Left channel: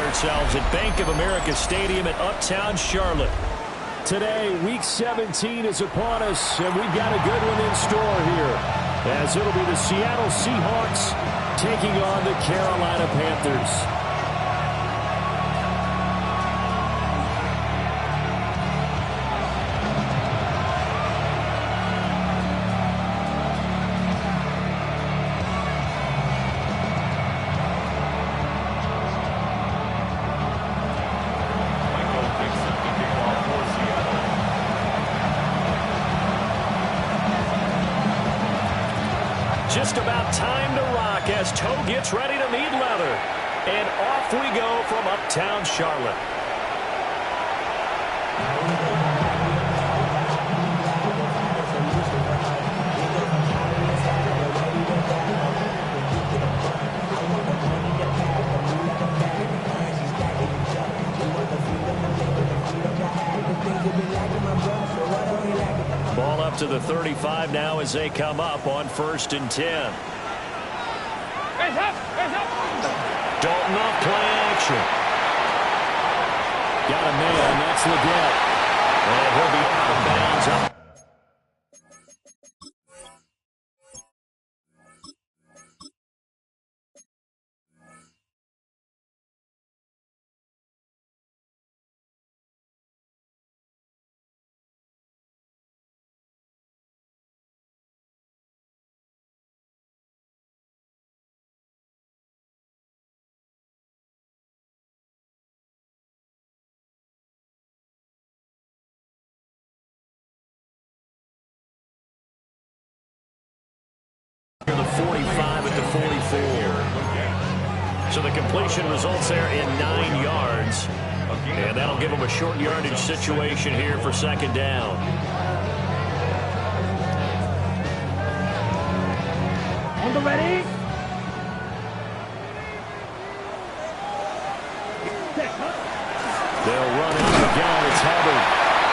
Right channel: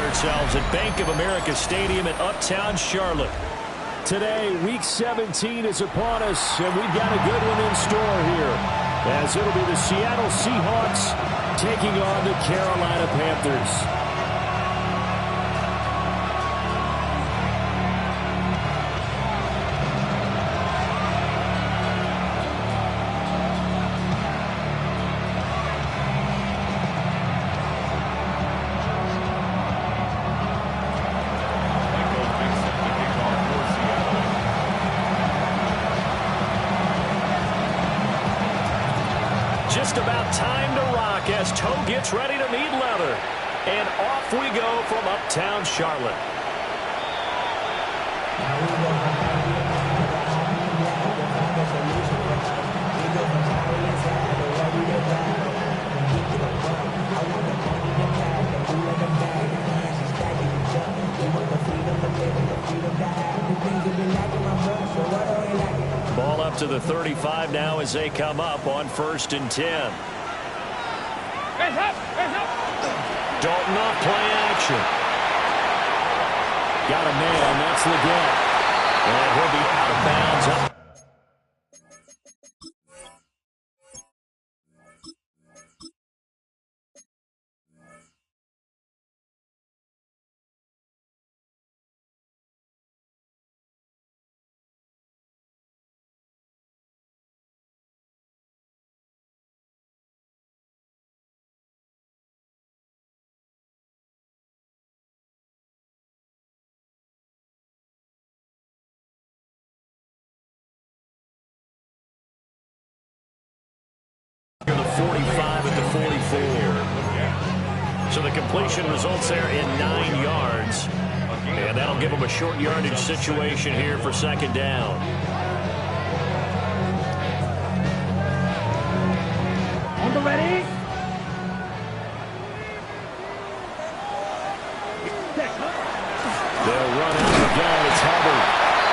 ourselves at Bank of America Stadium in Uptown Charlotte. Today, Week 17 is upon us, and we've got a good one in store here, as it'll be the Seattle Seahawks taking on the Carolina Panthers. Just about time to rock as toe gets ready to meet leather. And off we go from Uptown Charlotte. Ball up to the 35 now as they come up on 1st and 10. Dalton off play action. Got a man, that's Leggett. And he'll be out of bounds up. The 45 at the 44. So the completion results there in 9 yards. And that'll give them a short yardage situation here for 2nd down. On the ready. They'll run out again. It's Hubbard.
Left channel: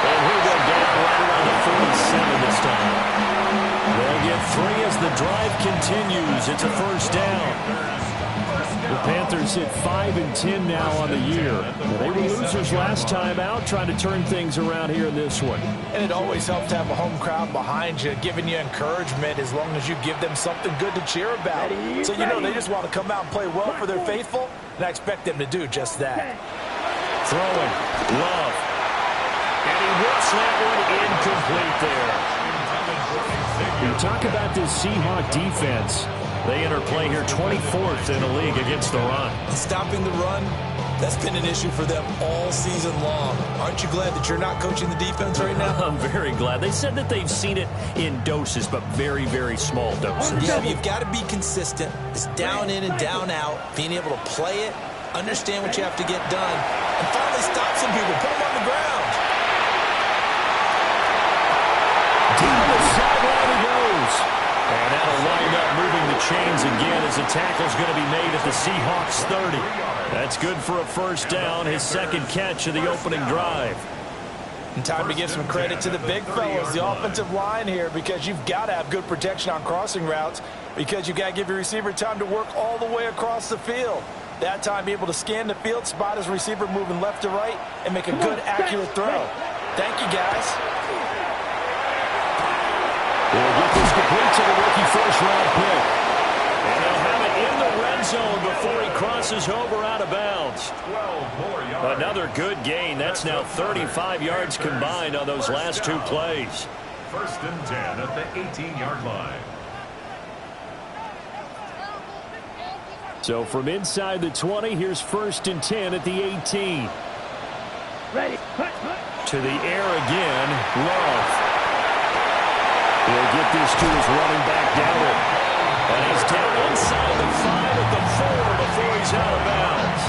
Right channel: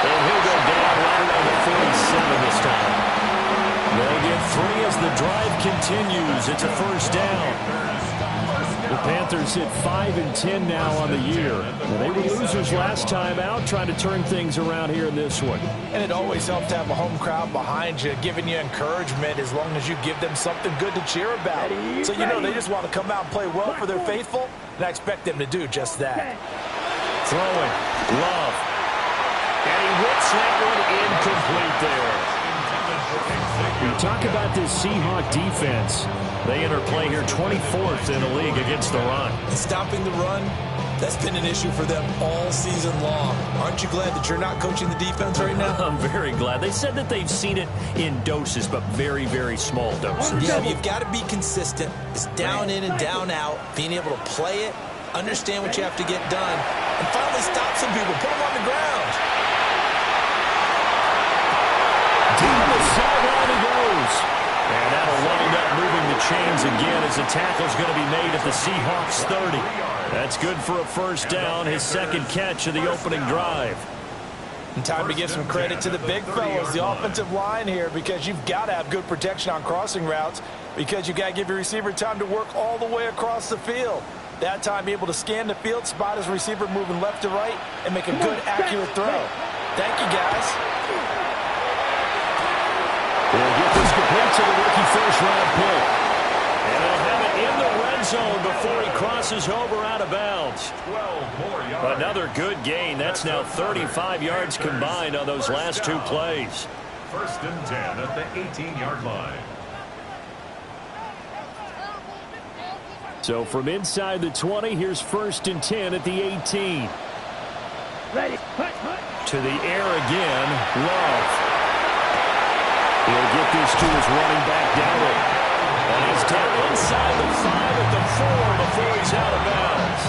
And he'll go down right around the 47 this time. They'll get 3 as the drive continues. It's a 1st down. The Panthers hit 5 and 10 now on the year. Now, they were losers last time out, trying to turn things around here in this one. And it always helps to have a home crowd behind you, giving you encouragement as long as you give them something good to cheer about. So you know they just want to come out and play well for their faithful, and I expect them to do just that. Throwing. Love. And he whips that one incomplete there. You talk about this Seahawk defense. They enter play here 24th in the league against the run. Stopping the run, that's been an issue for them all season long. Aren't you glad that you're not coaching the defense right now? I'm very glad. They said that they've seen it in doses, but very, very small doses. Yeah, you've got to be consistent. It's down in and down out, being able to play it, understand what you have to get done, and finally stop some people, put them on the ground. Down the sideline he goes. And that'll wind up moving the chains again as the tackle's going to be made at the Seahawks 30. That's good for a 1st down, his 2nd catch of the opening drive. And time to give some credit to the big fellas, the offensive line here, because you've got to have good protection on crossing routes, because you've got to give your receiver time to work all the way across the field. That time, be able to scan the field, spot his receiver moving left to right, and make a good, accurate throw. Thank you, guys. They'll get this complete to the rookie 1st-round pick. And they'll have it in the red zone before he crosses over out of bounds. 12 more yards. Another good gain. That's now 35 yards combined on those last 2 plays. 1st and 10 at the 18-yard line. So from inside the 20, here's 1st and 10 at the 18. Ready. To the air again, Love. He'll get this to his running back Darrell. And he's down inside the 5 at the 4 before he's out of bounds.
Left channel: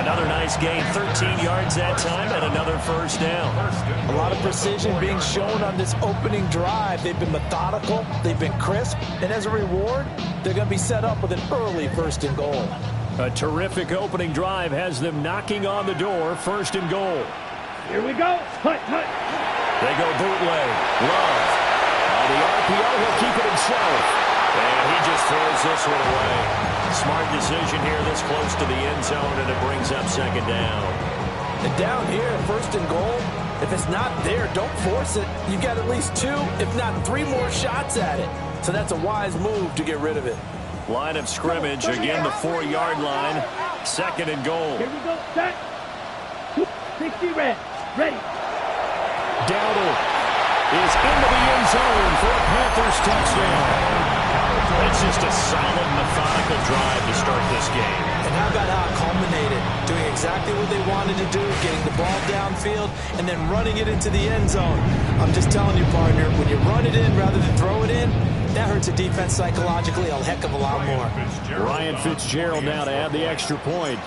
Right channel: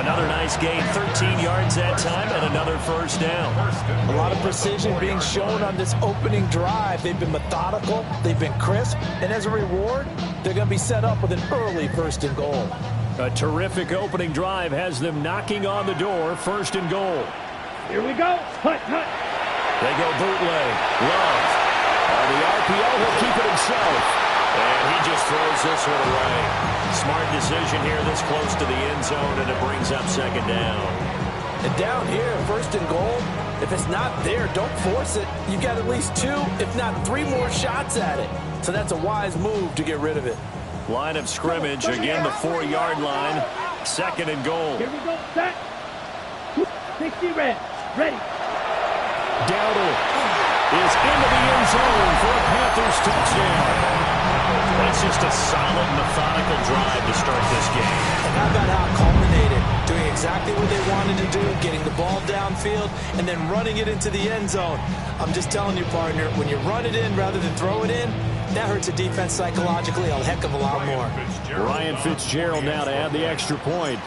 Another nice gain, 13 yards that time, and another 1st down. A lot of precision being shown on this opening drive. They've been methodical, they've been crisp, and as a reward, they're going to be set up with an early 1st and goal. A terrific opening drive has them knocking on the door, 1st and goal. Here we go. Hut. They go bootleg. Love. On the RPO, he'll keep it himself. And he just throws this one away. Smart decision here this close to the end zone, and it brings up second down. And down here, first and goal, if it's not there, don't force it. You've got at least 2, if not 3 more shots at it. So that's a wise move to get rid of it. Line of scrimmage, again the 4-yard line. Second and goal. Here we go. Set. 60 red. Ready. Dowdle is into the end zone for a Panthers touchdown. That's just a solid, methodical drive to start this game. And how about how it culminated? Doing exactly what they wanted to do, getting the ball downfield, and then running it into the end zone. I'm just telling you, partner, when you run it in rather than throw it in, that hurts a defense psychologically a heck of a lot more. Ryan Fitzgerald now to add the extra point.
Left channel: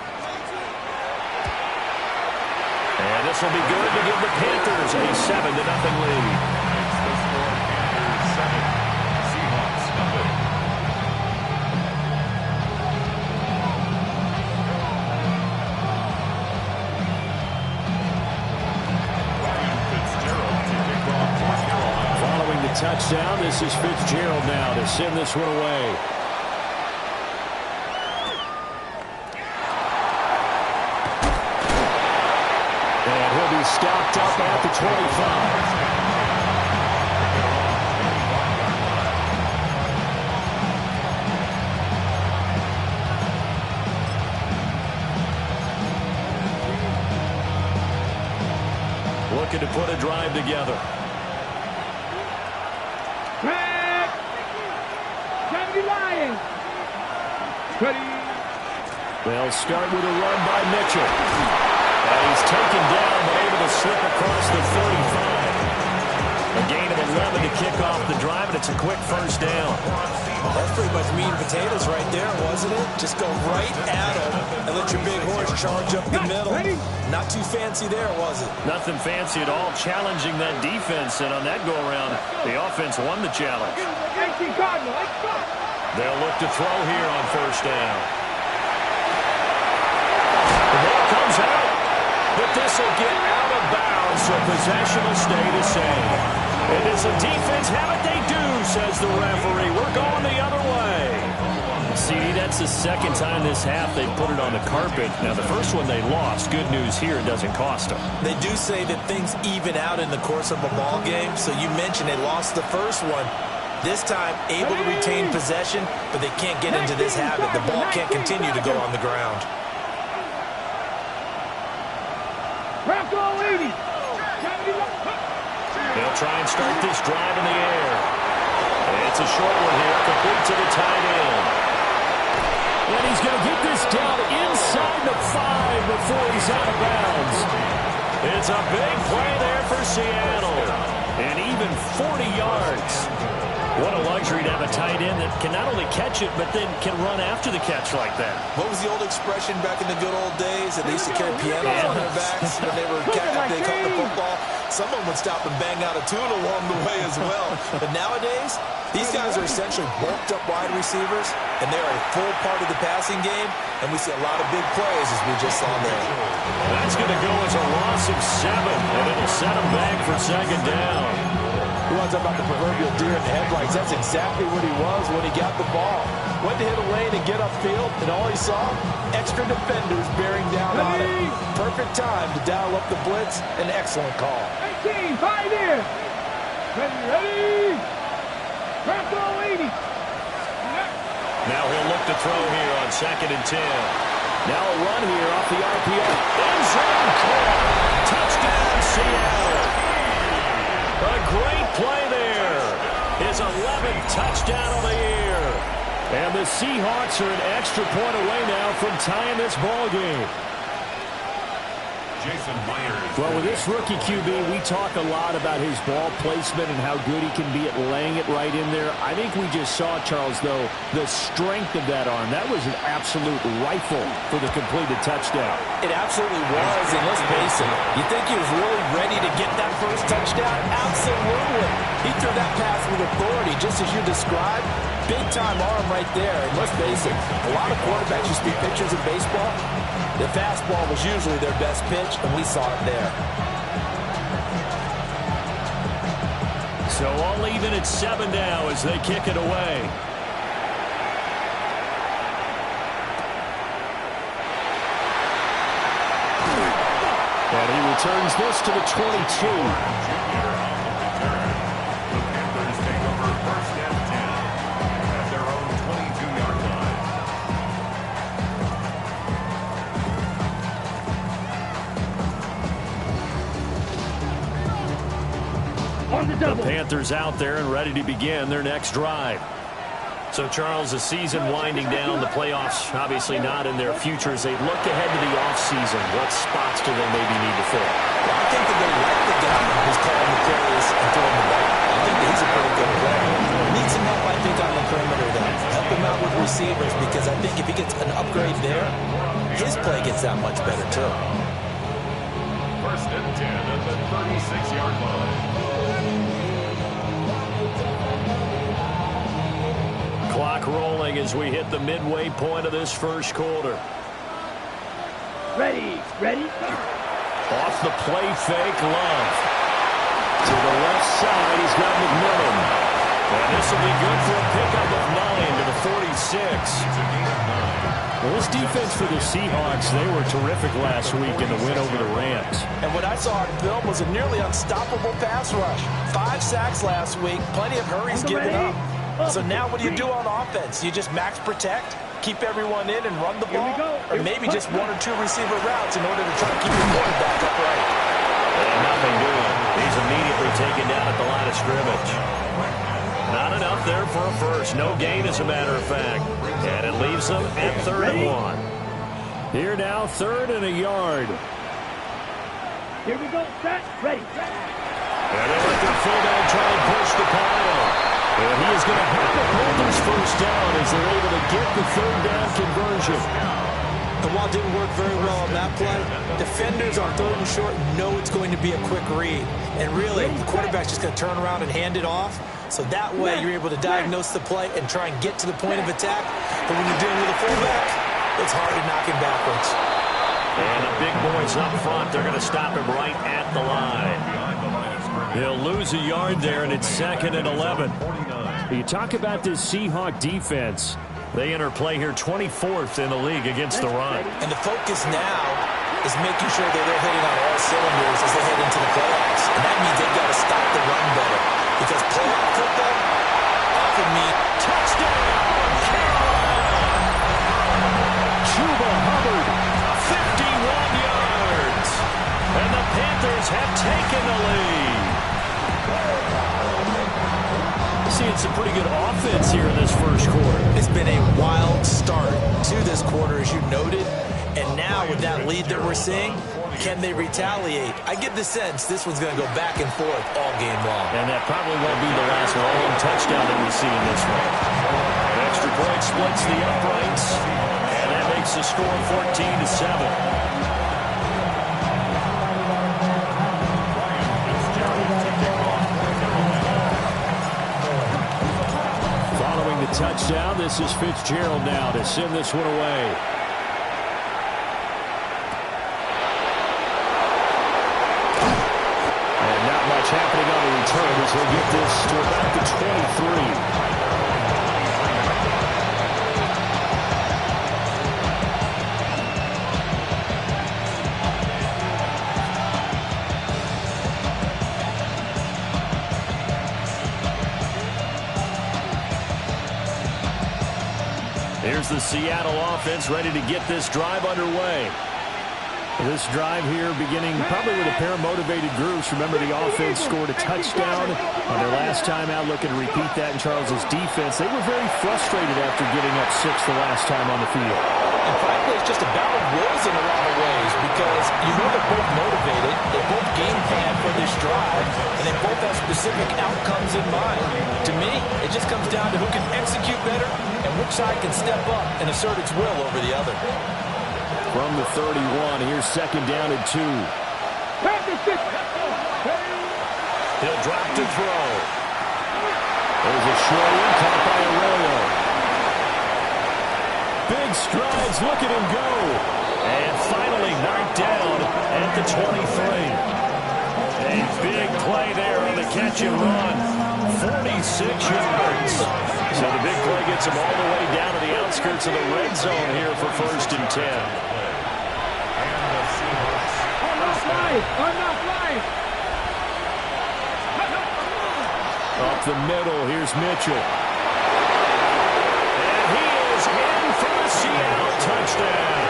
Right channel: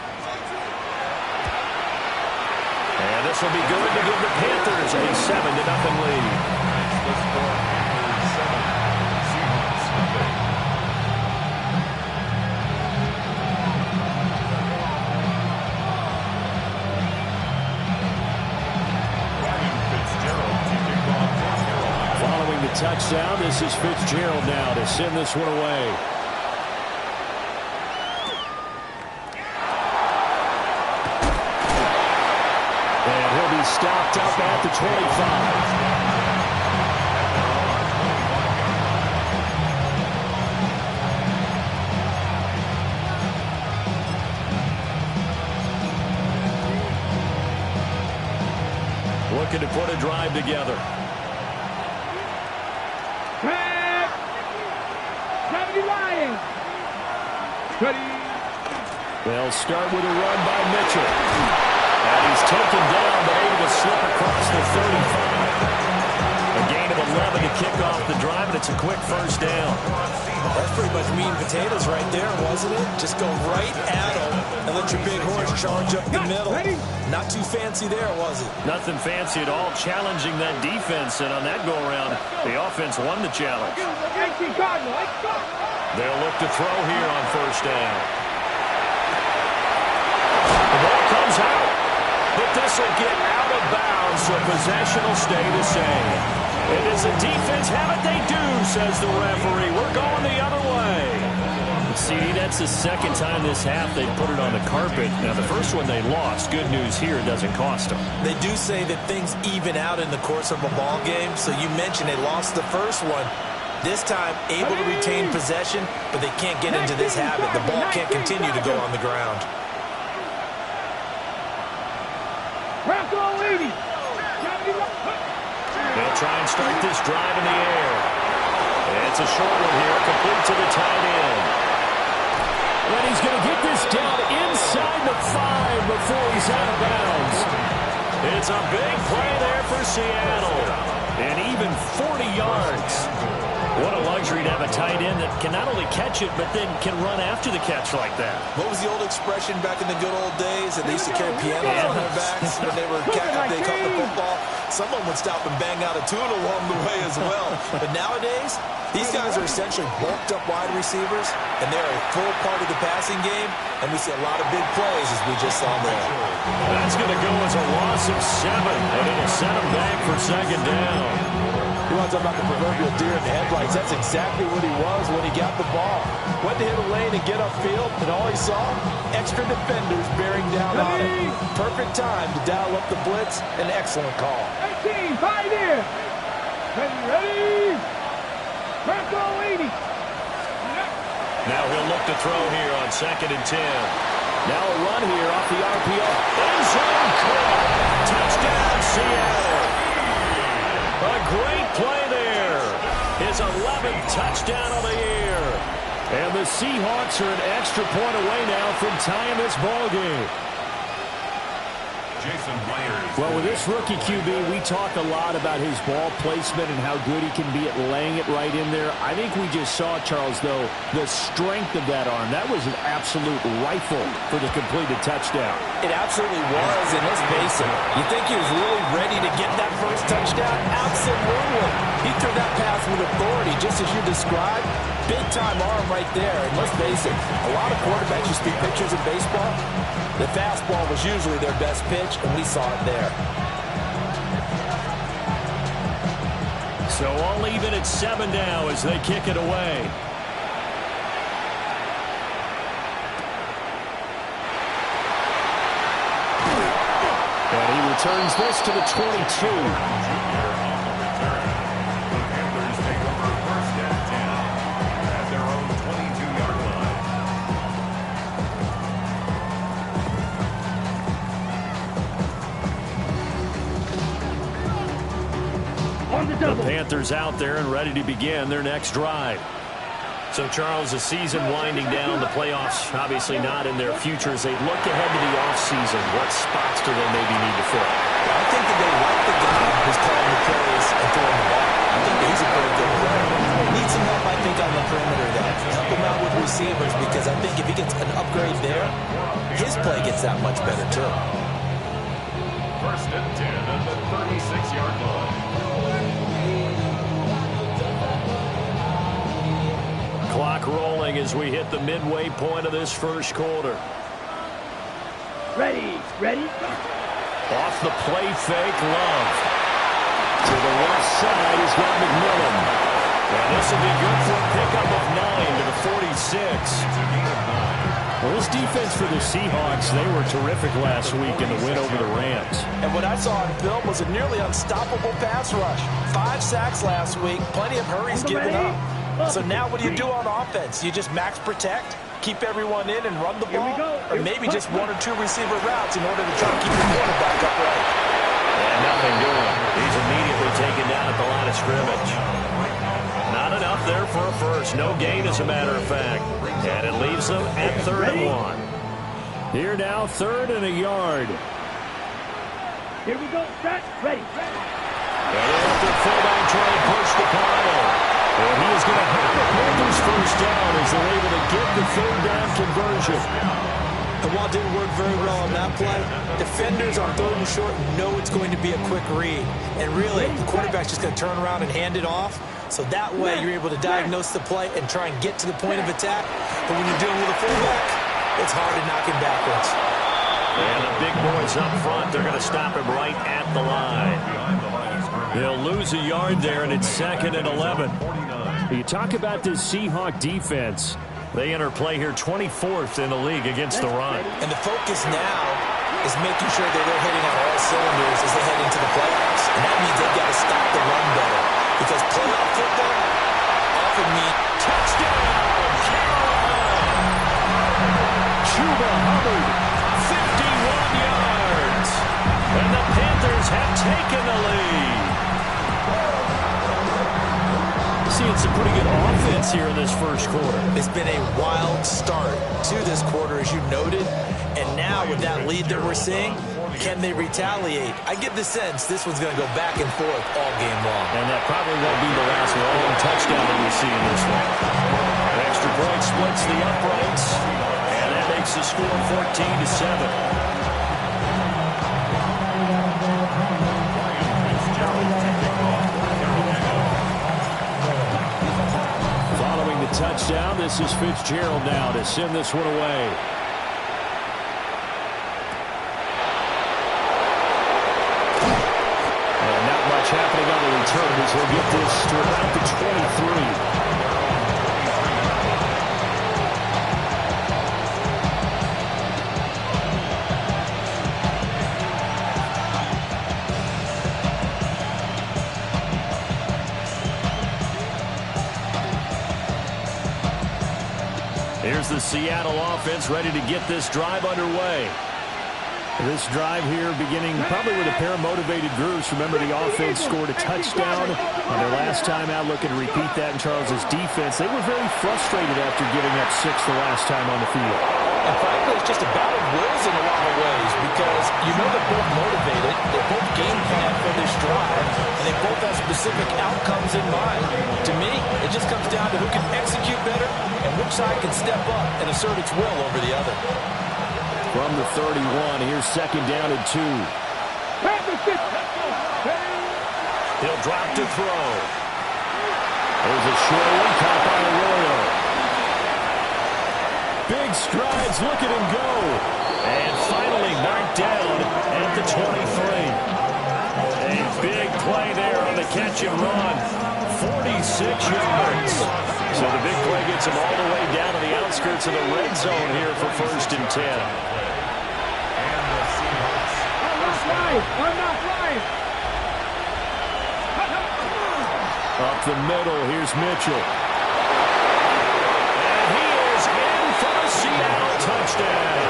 And this will be good to give the Panthers a 7-0 lead. It's the score, Panthers 7, Seahawks nothing. Ryan Fitzgerald to kick off for Carolina. Following the touchdown, this is Fitzgerald now to send this one away. And he'll be stopped up at the 25. Looking to put a drive together. Grab. Gravity Lions. Ready. They'll start with a run by Mitchell. And he's taken down, but able to slip across the 35. A gain of 11 to kick off the drive, and it's a quick first down. That's pretty much meat and potatoes right there, wasn't it? Just go right at them and let your big horse charge up the middle. Not too fancy there, was it? Nothing fancy at all, challenging that defense, and on that go-around, the offense won the challenge. They'll look to throw here on first down. The ball comes out, but this will get out of bounds, so possession will stay the same. And as the defense have it, they do, says the referee. We're going the other way. CD, that's the second time this half they put it on the carpet. Now, the first one they lost. Good news here, it doesn't cost them. They do say that things even out in the course of a ball game. So you mentioned they lost the first one. This time, able to retain possession, but they can't get into this habit. The ball can't continue to go on the ground. Bronco 80. They'll try and start this drive in the air. It's a short one here, complete to the tight end. And he's going to get this down inside the 5 before he's out of bounds. It's a big play there for Seattle. And even 40 yards. What a luxury to have a tight end that can not only catch it, but then can run after the catch like that. What was the old expression back in the good old days that they used to carry pianos on their backs when they were they caught the football? Someone would stop and bang out a tune along the way as well. But nowadays, these guys are essentially bulked up wide receivers, and they're a full part of the passing game, and we see a lot of big plays as we just saw there. That's going to go as a loss of 7, and it'll set them back for second down. You want to talk about the proverbial deer in the headlights. That's exactly what he was when he got the ball. Went to hit a lane and get upfield, and all he saw, extra defenders bearing down on him. Perfect time to dial up the blitz. An excellent call. 18, 5 here. Ready. Bronco 80. Now he'll look to throw here on 2nd and 10. Now a run here off the RPO. End zone caught. Touchdown, Seattle. A great play there. His 11th touchdown of the year. And the Seahawks are an extra point away now from tying this ball game. Jason Myers. Well, with this rookie QB, we talk a lot about his ball placement and how good he can be at laying it right in there. I think we just saw, Charles, though, the strength of that arm. That was an absolute rifle for the completed touchdown. It absolutely was, and let's face it, you think he was really ready to get that first touchdown? Absolutely. He threw that pass with authority, just as you described. Big-time arm right there, and let's face it, a lot of quarterbacks you see pictures in baseball. The fastball was usually their best pitch, and we saw it there. So all even at 7 now as they kick it away. And he returns this to the 22. Junior on the return. The Panthers take over first and 10 at their own 22-yard line. On the The double. Panthers out there and ready to begin their next drive. So, Charles, the season winding down, the playoffs obviously not in their future. As they look ahead to the offseason, what spots do they maybe need to fill? Well, I think that they like the guy who's calling the plays and throwing the ball. I think that he's a pretty good player. Needs some help, I think, on the perimeter, though. Help him out with receivers, because I think if he gets an upgrade there, his play gets that much better, too. First and 10 at the 36-yard line. Clock rolling as we hit the midway point of this first quarter. Ready, ready, go. Off the play fake, Love. To the left side, he's got McMillan. And this will be good for a pickup of 9 to the 46. It's a gain of 9. Well, this defense for the Seahawks, they were terrific last week in the win over the Rams. And what I saw on film was a nearly unstoppable pass rush. 5 sacks last week, plenty of hurries given up. So now what do you do on offense? You just max protect, keep everyone in and run the ball? Or maybe just 1 or 2 receiver routes in order to try to keep your quarterback upright? And nothing doing. He's immediately taken down at the line of scrimmage. Not enough there for a first. No gain, as a matter of fact. And it leaves them at 3rd and 1. Here now, 3rd and a yard. Here we go, set, ready. And they let their fullback try and push the pile. And he is going to have the Panthers first down as they're able to get the 3rd down conversion. And while it didn't work very well on that play, defenders on 3rd and short know it's going to be a quick read. And really, the quarterback's just going to turn around and hand it off. So that way, you're able to diagnose the play and try and get to the point of attack. But when you're dealing with a fullback, it's hard to knock him backwards. And the big boys up front, they're going to stop him right at the line. Behind the line of scrimmage. He'll lose a yard there, and it's 2nd and 11. 49. You talk about this Seahawk defense. They enter play here 24th in the league against the run. And the focus now is making sure that they're hitting on all cylinders as they head into the playoffs. And that means they've got to stop the run better. Because playoff football often means Touchdown, Carolina! Chuba Hubbard, 51 yards. And the Panthers have taken the lead. Seeing some pretty good offense here in this first quarter. it's been a wild start to this quarter, as you noted. And now with that lead that we're seeing, can they retaliate? I get the sense this one's going to go back and forth all game long. And that probably won't be the last long touchdown that we see in this one. The extra point splits the uprights, and that makes the score 14-7. Following the touchdown, this is Fitzgerald now to send this one away. And not much happening on the return as he'll get this to about the 23. Here's the Seattle offense ready to get this drive underway. This drive here beginning probably with a pair of motivated groups. Remember, the offense scored a touchdown on their last time out, looking to repeat that in Charles's defense. They were very frustrated after giving up 6 the last time on the field. And frankly, it's just a battle of wills in a lot of ways, because you know they're both motivated, they both game plan for this drive, and they both have specific outcomes in mind. To me, it just comes down to who can execute better and which side can step up and assert its will over the other. From the 31, here's 2nd down and 2. He'll drop to throw. There's a short one caught by Arroyo. Big strides, look at him go. And finally knocked down at the 23. A big play there on the catch and run. 46 yards. So the big play gets him all the way down to the outskirts of the red zone here for 1st and 10. And the Seahawks first down Hey, I'm not flying. Up the middle, here's Mitchell. And he is in for the Seattle touchdown.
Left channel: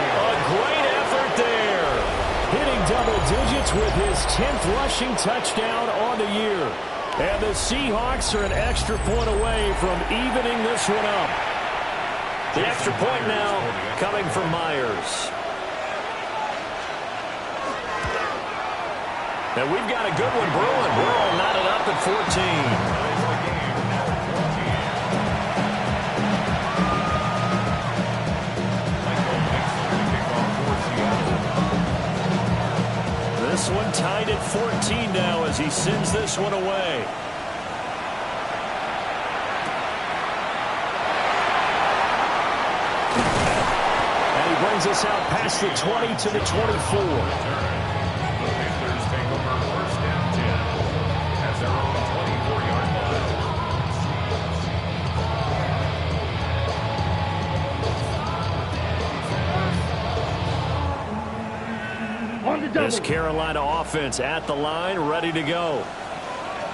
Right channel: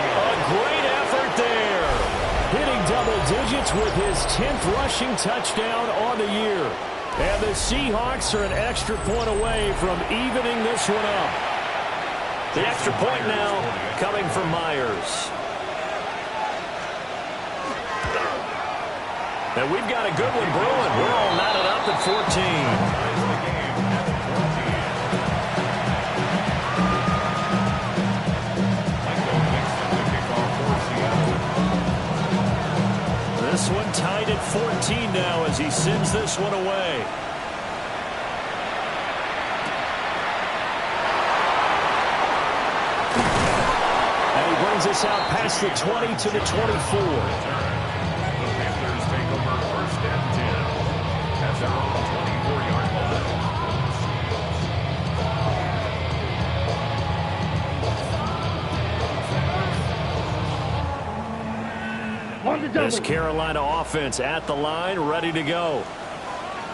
A great effort there. Hitting double digits with his 10th rushing touchdown on the year. And the Seahawks are an extra point away from evening this one up. The extra point now coming from Myers. And we've got a good one brewing. We're all knotted up at 14. Ties the game at 14. Michael Mixon, the kickoff for Seattle. This one tied at 14 now as he sends this one away. And he brings us out past the 20 to the 24. Take over first and 10 at their own 24-yard line. On the double. This Carolina offense at the line, ready to go.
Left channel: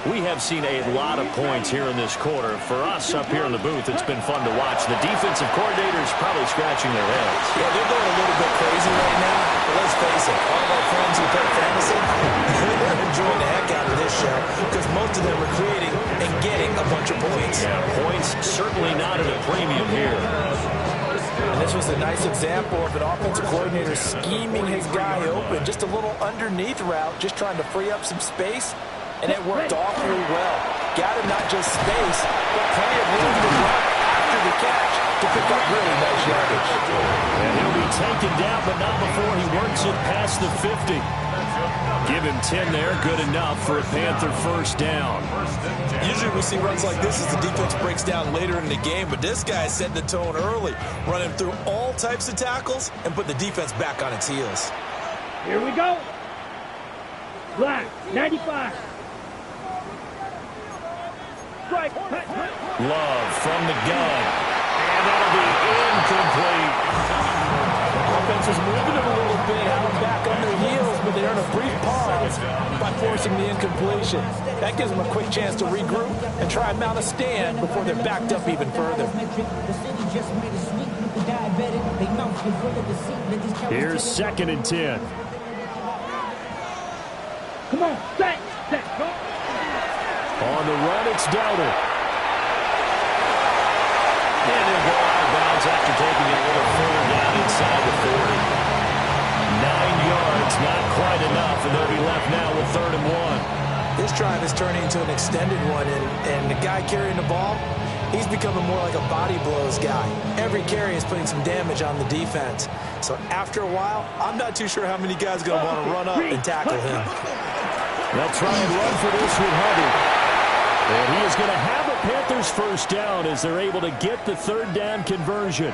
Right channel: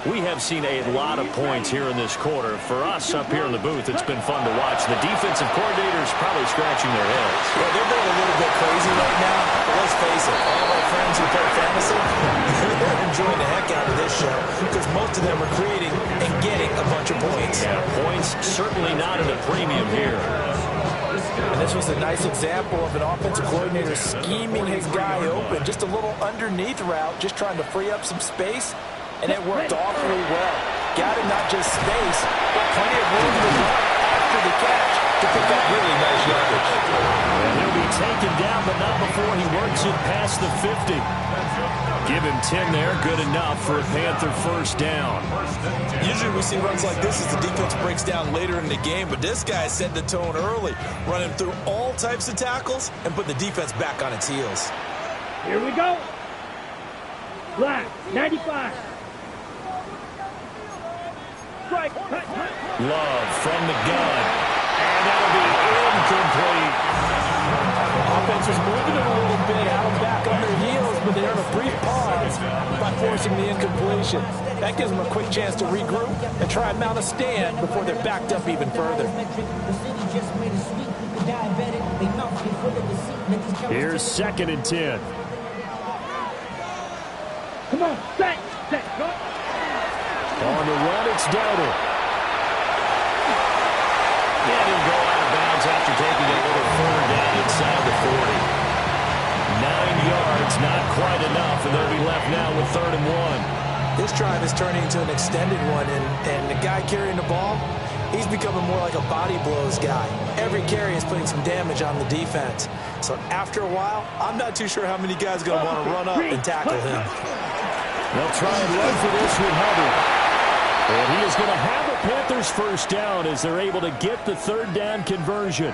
We have seen a lot of points here in this quarter. For us up here in the booth, it's been fun to watch. The defensive coordinators probably scratching their heads. Yeah, they're going a little bit crazy right now. But let's face it, all of our friends who play fantasy, they're enjoying the heck out of this show because most of them are creating and getting a bunch of points. Yeah, points certainly not at a premium here. And this was a nice example of an offensive coordinator scheming his guy open. Just a little underneath route, just trying to free up some space. And it worked awfully well. Got him not just space, but plenty of room to run after the catch to pick up really nice yardage. And he'll be taken down, but not before he works it past the 50. Give him 10 there, good enough for a Panther first down. Usually we see runs like this as the defense breaks down later in the game, but this guy set the tone early, running through all types of tackles and put the defense back on its heels. Here we go. Black, 95. Strike. Love from the gun. And that'll be incomplete. Offense is moving it a little bit, had them back on their heels, but they earn a brief pause by forcing the incompletion. That gives them a quick chance to regroup and try and mount a stand before they're backed up even further. Here's 2nd and 10. Come on, set, go. On the run, it's Dowdle. And he'll go out of bounds after taking it a little further down inside the 40. 9 yards, not quite enough, and they'll be left now with 3rd and 1. This drive is turning into an extended one, and the guy carrying the ball, he's becoming more like a body blows guy. Every carry is putting some damage on the defense. So after a while, I'm not too sure how many guys are going to want to run up and tackle him. They'll try and run for this with Hubbard. And he is going to have a Panthers first down as they're able to get the 3rd down conversion.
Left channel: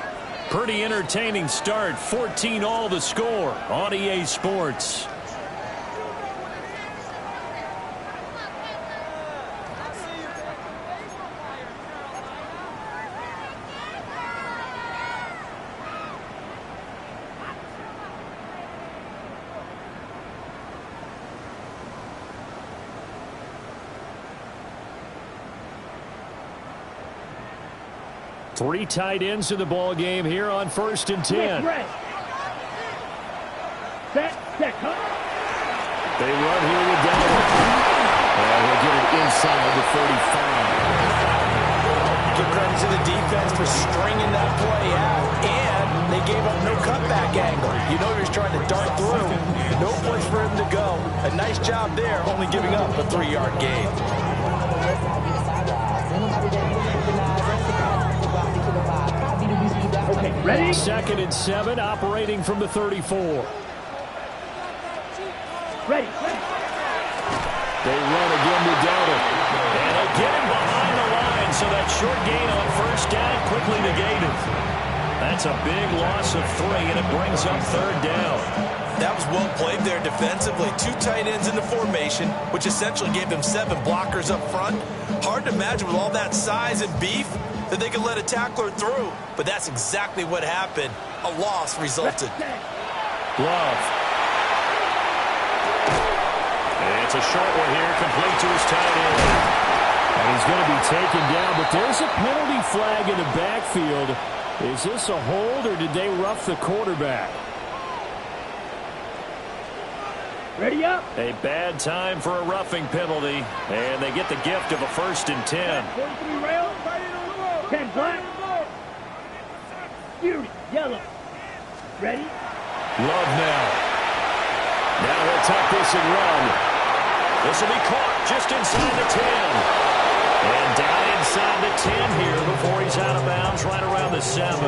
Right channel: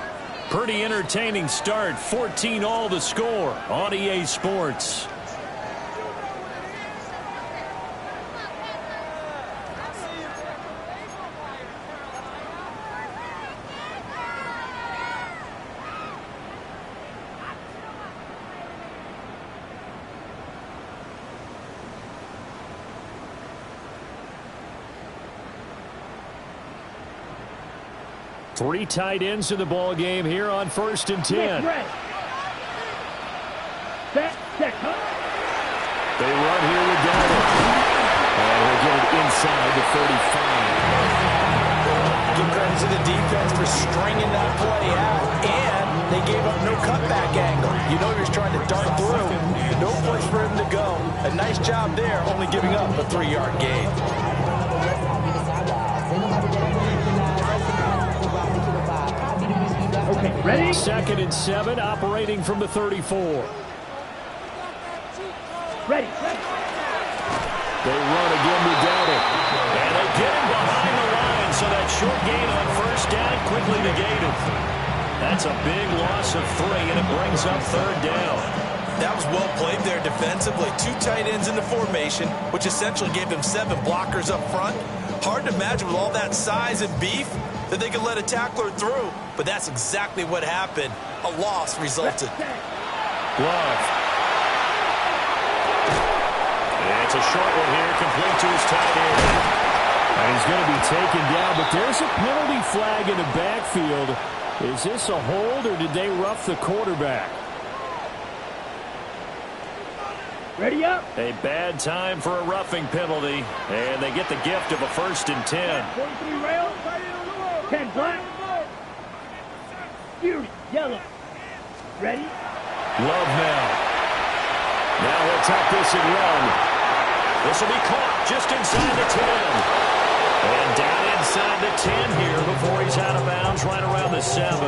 Pretty entertaining start. 14-all the score on EA Sports. Three tight ends in the ball game here on 1st and 10. Set, They run here with Dowdle. And he'll get it inside the 35. Give credit to the defense for stringing that play out, and they gave up no cutback angle. You know he was trying to dart through. No place for him to go. A nice job there, only giving up a 3-yard gain. Okay, ready? 2nd and 7, operating from the 34. Ready. They run again with Dowdle. And they get him behind the line, so that short gain on first down quickly negated. That's a big loss of 3, and it brings up 3rd down. That was well played there defensively. 2 tight ends in the formation, which essentially gave them 7 blockers up front. Hard to imagine with all that size and beef that they could let a tackler through, but that's exactly what happened. A loss resulted. Love It's a short one here, complete to his tight end. And he's going to be taken down, but there's a penalty flag in the backfield. Is this a hold, or did they rough the quarterback? Ready up. A bad time for a roughing penalty, and they get the gift of a 1st and 10. 43 rail. 10 black. Fury, yellow. Ready? Love now. Now he'll tuck this and run. This will be caught just inside the 10. And down inside the 10 here before he's out of bounds right around the 7.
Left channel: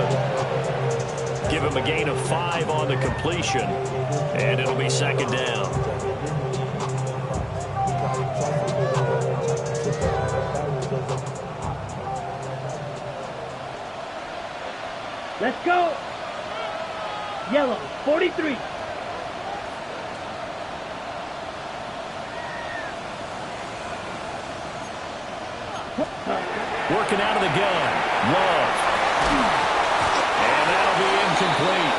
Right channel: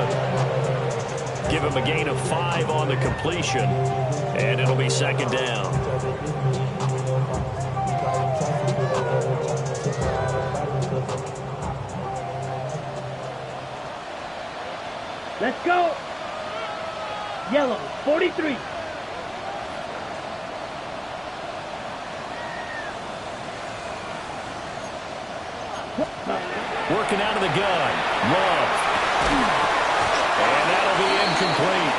Give him a gain of 5 on the completion, and it'll be 2nd down. Let's go. Yellow, 43. Working out of the gun. Love. And that'll be incomplete.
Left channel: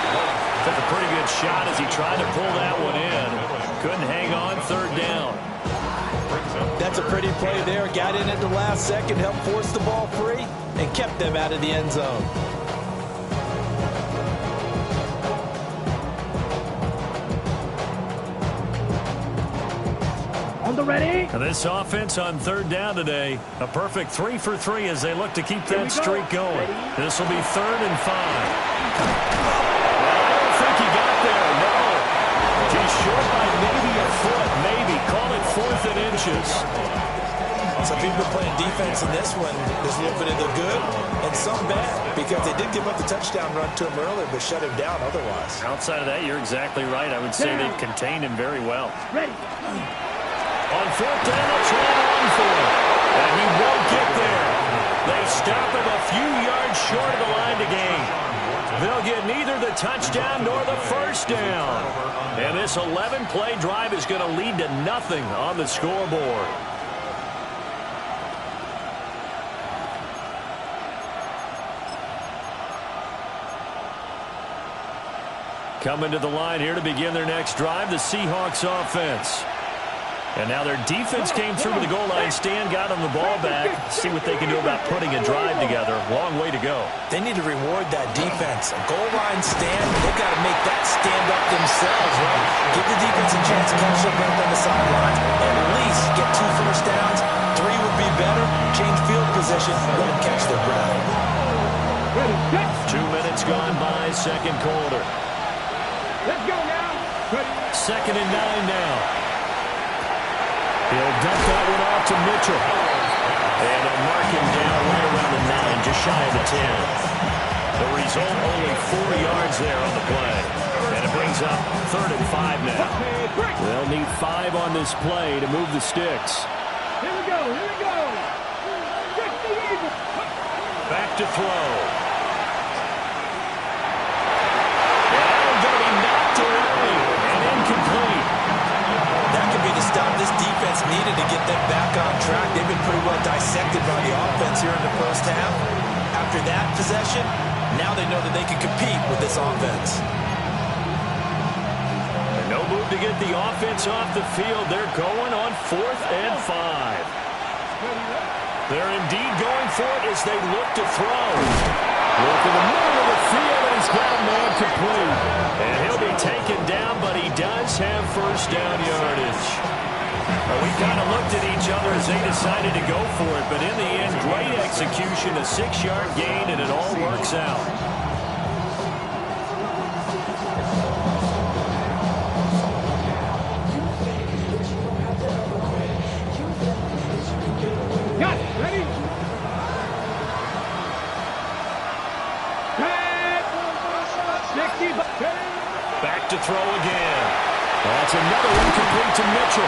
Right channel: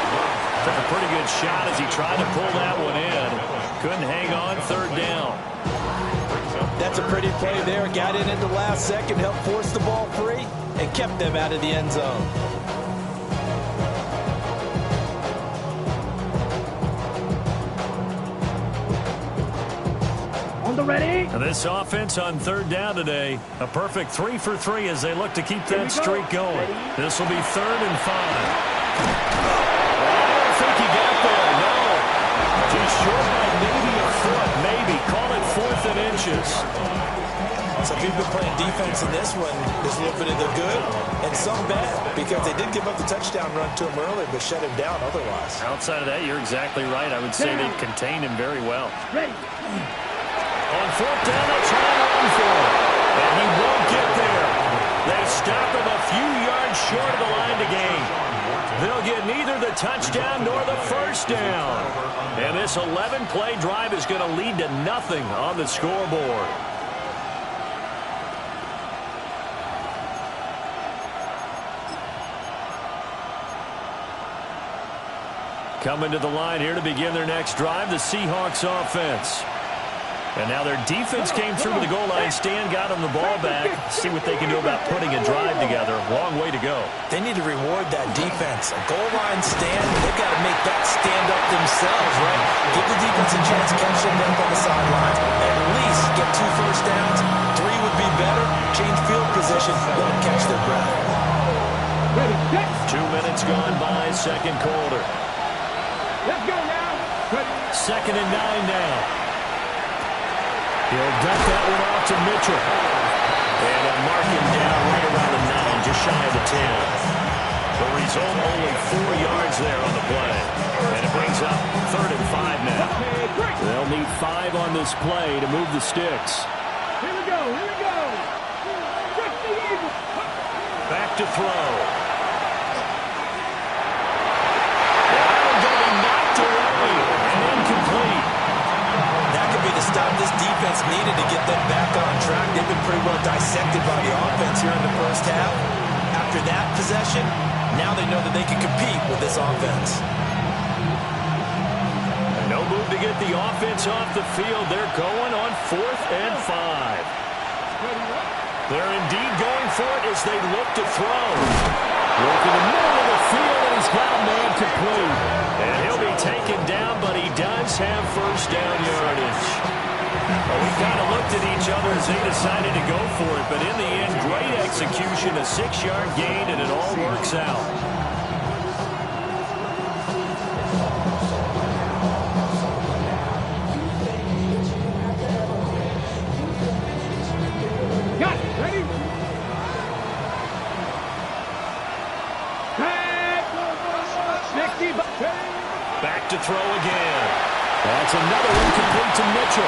Took a pretty good shot as he tried to pull that one in. Couldn't hang on, 3rd down. That's a pretty play there. Got in at the last second, helped force the ball free, and kept them out of the end zone. On the ready. And this offense on 3rd down today, a perfect 3 for 3 as they look to keep that streak going. This will be 3rd and 5. Well, I don't think he got there, no. He's short by maybe a foot, maybe. Call it 4th and inches. So if you've been playing defense in this one, there's a little bit of the good and some bad, because they did give up the touchdown run to him earlier, but shut him down otherwise. Outside of that, you're exactly right. I would say they've contained him very well. Ready. On 4th down, they'll try and run for it. And he won't get there. They stop him a few yards short of the line to gain. They'll get neither the touchdown nor the 1st down. And this 11-play drive is going to lead to nothing on the scoreboard. Coming to the line here to begin their next drive, the Seahawks offense. And now their defense came through to the goal line stand, got them the ball back. See what they can do about putting a drive together. Long way to go. They need to reward that defense. A goal line stand, they've got to make that stand up themselves, right? Give the defense a chance to catch their breath on the sidelines. At least get 2 first downs. 3 would be better. Change field position. Let them catch their breath. Ready, set. 2 minutes gone by, 2nd quarter. Let's go now. Ready. 2nd and 9 now. He'll dump that one off to Mitchell. And they'll mark him down right around the 9, just shy of the 10. The result, only 4 yards there on the play. And it brings up 3rd and 5 now. They'll need 5 on this play to move the sticks. Here we go. Here we go. 60 Eagles. Back to throw. And that one's going to be knocked away and incomplete. That could be the stop this defense needed to get them back on track. They've been pretty well dissected by the offense here in the first half. After that possession, now they know that they can compete with this offense. And no move to get the offense off the field. They're going on 4th and 5. They're indeed going for it as they look to throw. Look in the middle of the field, and he's got a man complete. And he'll be taken down, but he does have 1st down yardage. Well, we kind of looked at each other as they decided to go for it, but in the end, great execution, a 6-yard gain, and it all works out. Got it. Ready. Back to throw again. That's another one complete to Mitchell.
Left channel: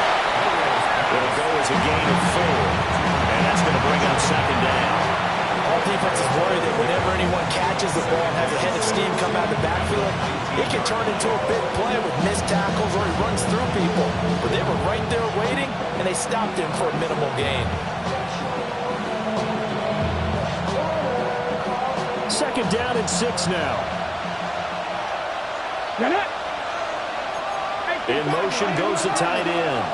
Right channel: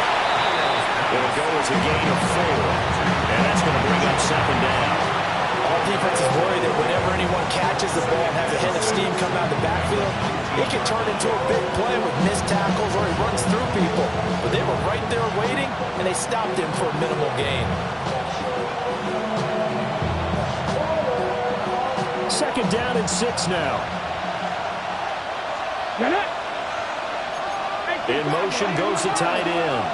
It'll go as a gain of 4. And that's going to bring up 2nd down. All defenses worry that whenever anyone catches the ball and has a head of steam come out of the backfield, it can turn into a big play with missed tackles or he runs through people. But they were right there waiting, and they stopped him for a minimal gain. 2nd down and 6 now. In motion goes the tight end.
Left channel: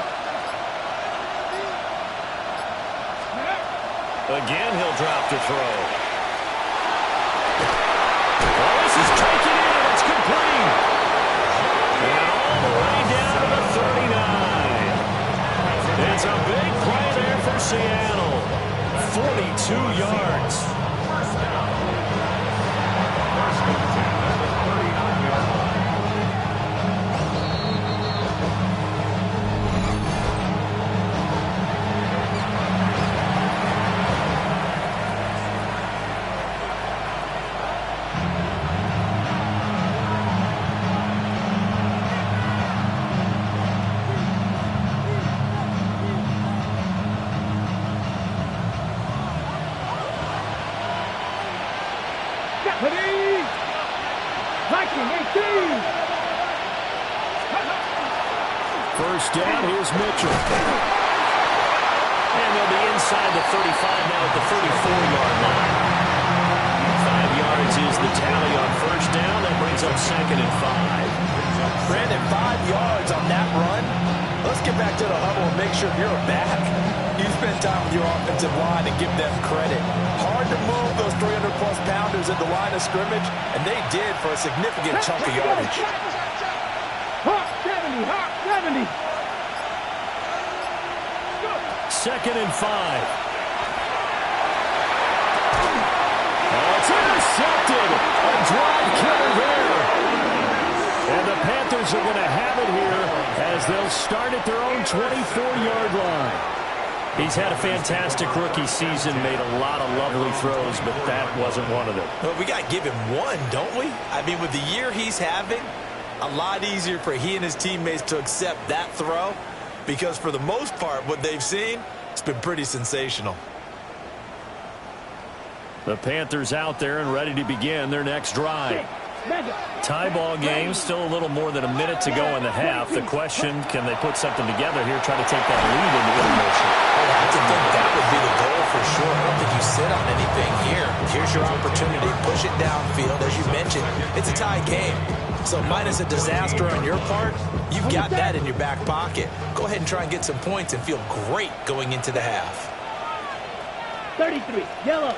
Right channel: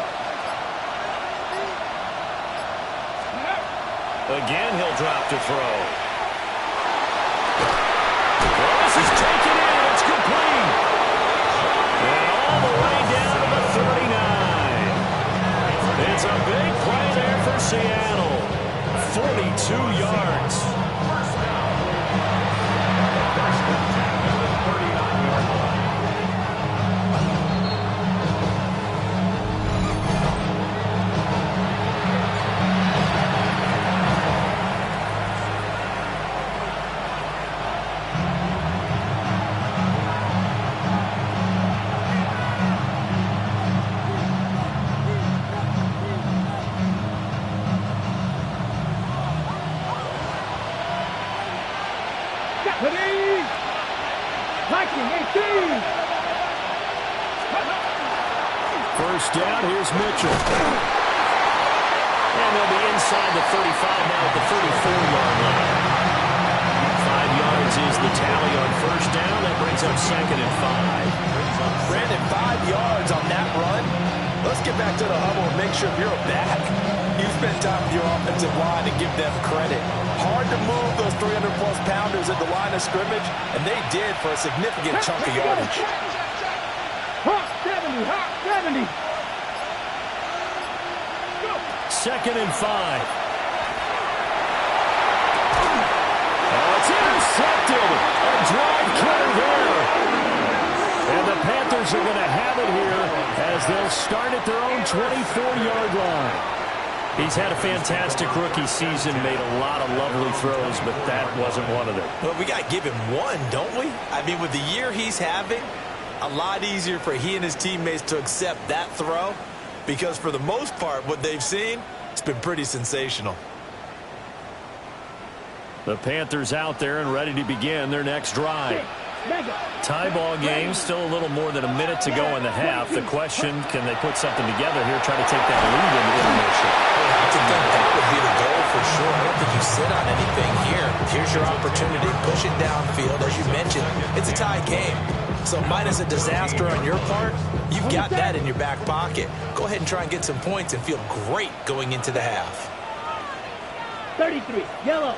Again, he'll drop to throw. Well, this is taken in. It's complete. And all the way down to the 39. It's a big play there for Seattle. 42 yards. First down. First and 10 at the 39-yard line. Ready? Viking 18. First down, here's Mitchell. And they'll be inside the 35 now at the 34-yard line. 5 yards is the tally on first down. That brings up second and 5. Brandon, 5 yards on that run. Let's get back to the huddle and make sure you're back. You spend time with your offensive line and give them credit. Hard to move those 300-plus pounders at the line of scrimmage, and they did for a significant chunk of yardage. Hawk 70, Hawk 70. Go. Second and 5. Oh, it's intercepted. A drive killer there. And the Panthers are going to have it here as they'll start at their own 24-yard line. He's had a fantastic rookie season, made a lot of lovely throws, but that wasn't one of them. Well, we got to give him one, don't we? I mean, with the year he's having, a lot easier for he and his teammates to accept that throw because for the most part, what they've seen, it's been pretty sensational. The Panthers out there and ready to begin their next drive. Tie ball game, still a little more than a minute to go in the half. The question, can they put something together here, try to take that lead into intermission? I have to think that would be the goal for sure. I don't think you sit on anything here. Here's your opportunity. Push it downfield. As you mentioned, it's a tie game. So minus a disaster on your part, you've got that in your back pocket. Go ahead and try and get some points and feel great going into the half. 33, yellow.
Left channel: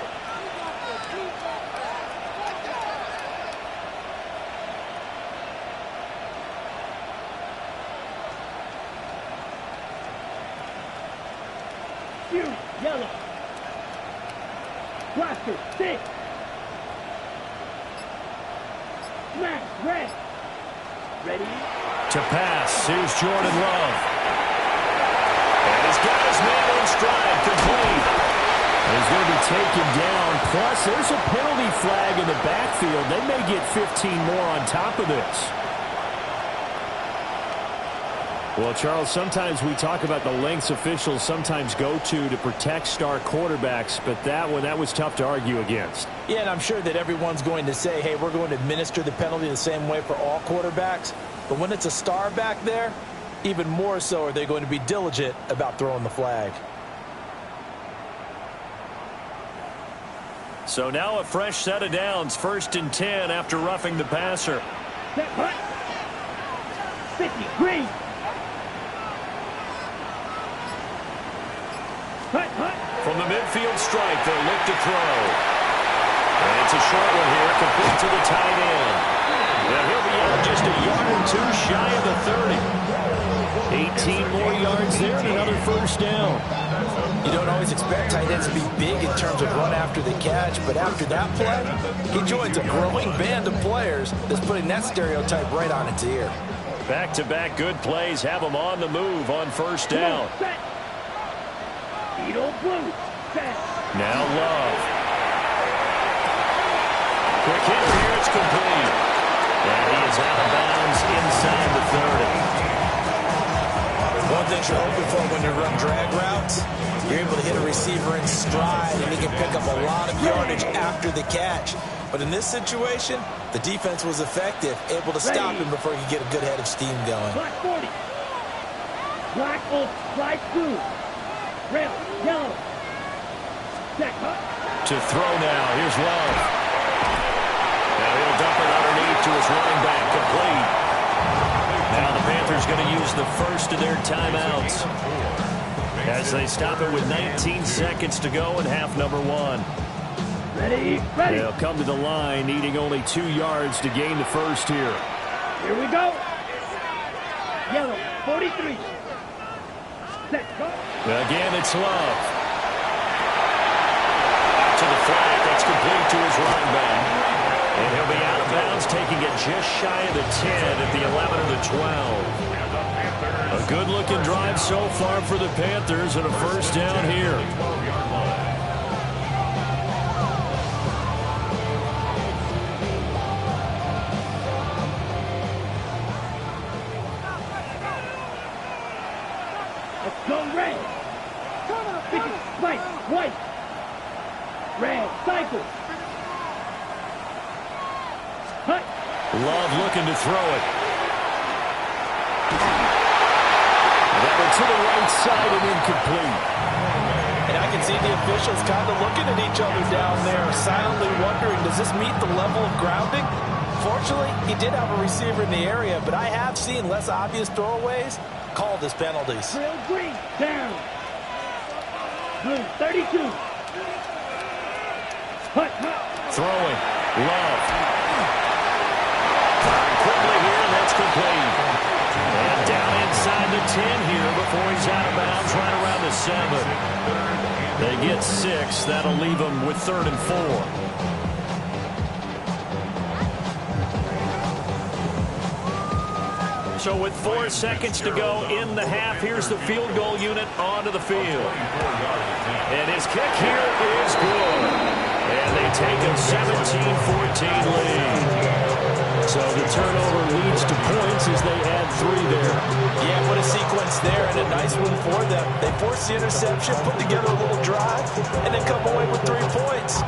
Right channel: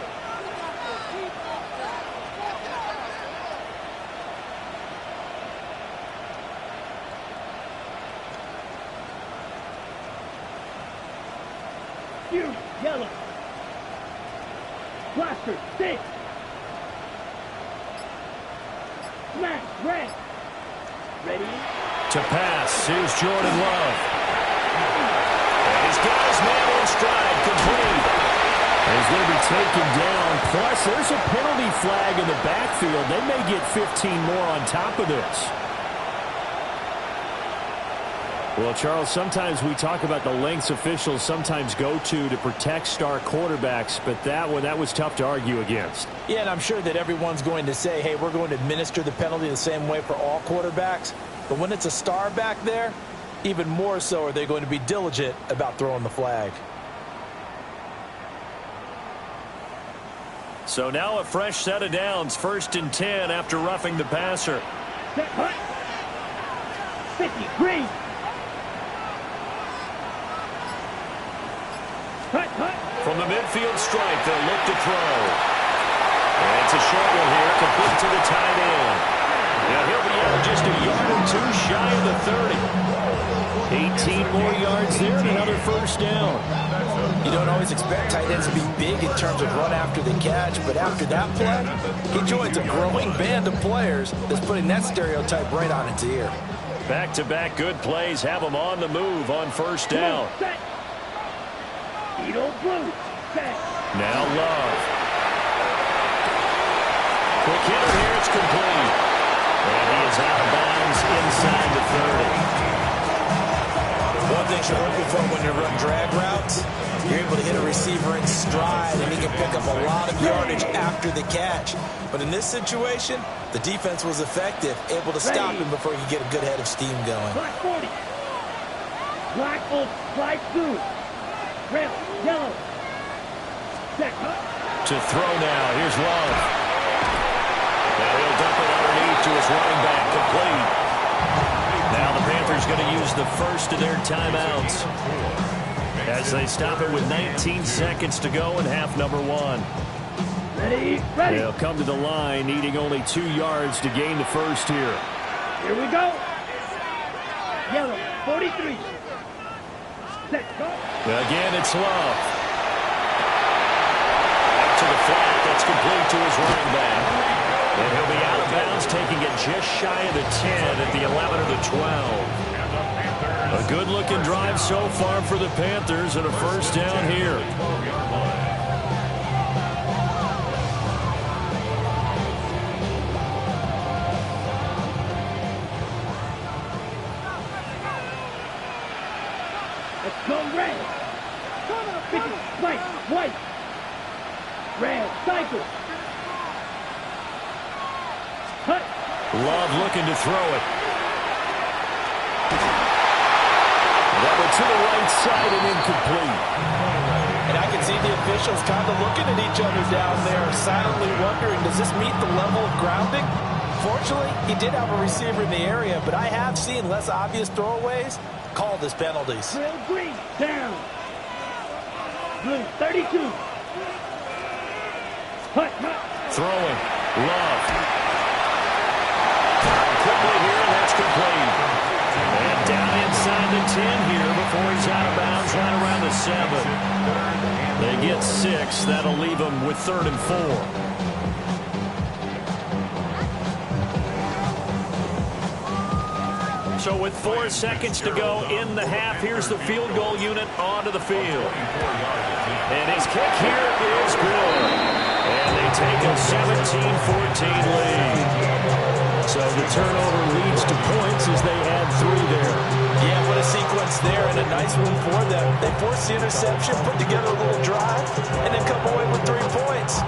Fury, yellow. Blaster, 6. Smash, red. Ready? To pass, here's Jordan Love. And he's got his man in stride, complete. And he's going to be taken down. Plus, there's a penalty flag in the backfield. They may get 15 more on top of this. Well, Charles, sometimes we talk about the lengths officials sometimes go to protect star quarterbacks, but that was tough to argue against. Yeah, and I'm sure that everyone's going to say, hey, we're going to administer the penalty the same way for all quarterbacks. But when it's a star back there, even more so are they going to be diligent about throwing the flag. So now a fresh set of downs, 1st and 10 after roughing the passer. Set, hut. 50, green. Hut, hut. From the midfield stripe, they'll look to throw. And it's a short one here, complete to the tight end. Now he'll be out just a yard or two shy of the 30. 18 more yards there and another first down. You don't always expect tight ends to be big in terms of run after the catch, but after that play, he joins a growing band of players that's putting that stereotype right on its ear. Back-to-back good plays have him on the move on first down. Set. Edo blue. Set. Now Love. Quick hitter here, it's complete. And he is out of bounds inside the 30. One thing you're hoping for when you run drag routes, you're able to hit a receiver in stride and he can pick up a lot of yardage after the catch. But in this situation, the defense was effective, able to stop him before he could get a good head of steam going. Black 40. Black old slide blue. Rail, yellow. Set, hut. To throw now, here's Love. Now he'll dump it underneath to his running back, complete. Now the Panthers Panthers going to use the first of their timeouts as they stop it with 19 seconds to go in half number one. Ready? They'll come to the line, needing only 2 yards to gain the first here. Here we go. Yellow, 43. Let's go. Again, it's Love. Out to the flat. That's complete to his running back. And he'll be out of bounds, taking it just shy of the 10 at the 11 or the 12. A good-looking drive so far for the Panthers and a first down here. Let's go red. White, white. Red, cycle. Hut. Love looking to throw it. That went to the right side and incomplete. And I can see the officials kind of looking at each other down there, silently wondering, does this meet the level of grounding? Fortunately, he did have a receiver in the area, but I have seen less obvious throwaways called as penalties. Real green, down. Blue, 32. Hut, hut. Throwing. Love. Firing quickly here, and that's complete. And down inside the 10 here before he's out of bounds, right around the 7. They get 6. That'll leave them with 3rd and 4. So with 4 seconds to go in the half, here's the field goal unit onto the field. And his kick here is good. And they take a 17-14 lead. So the turnover leads to points as they add 3 there. Yeah, what a sequence there, and a nice one for them. They force the interception, put together a little drive, and then come away with 3 points.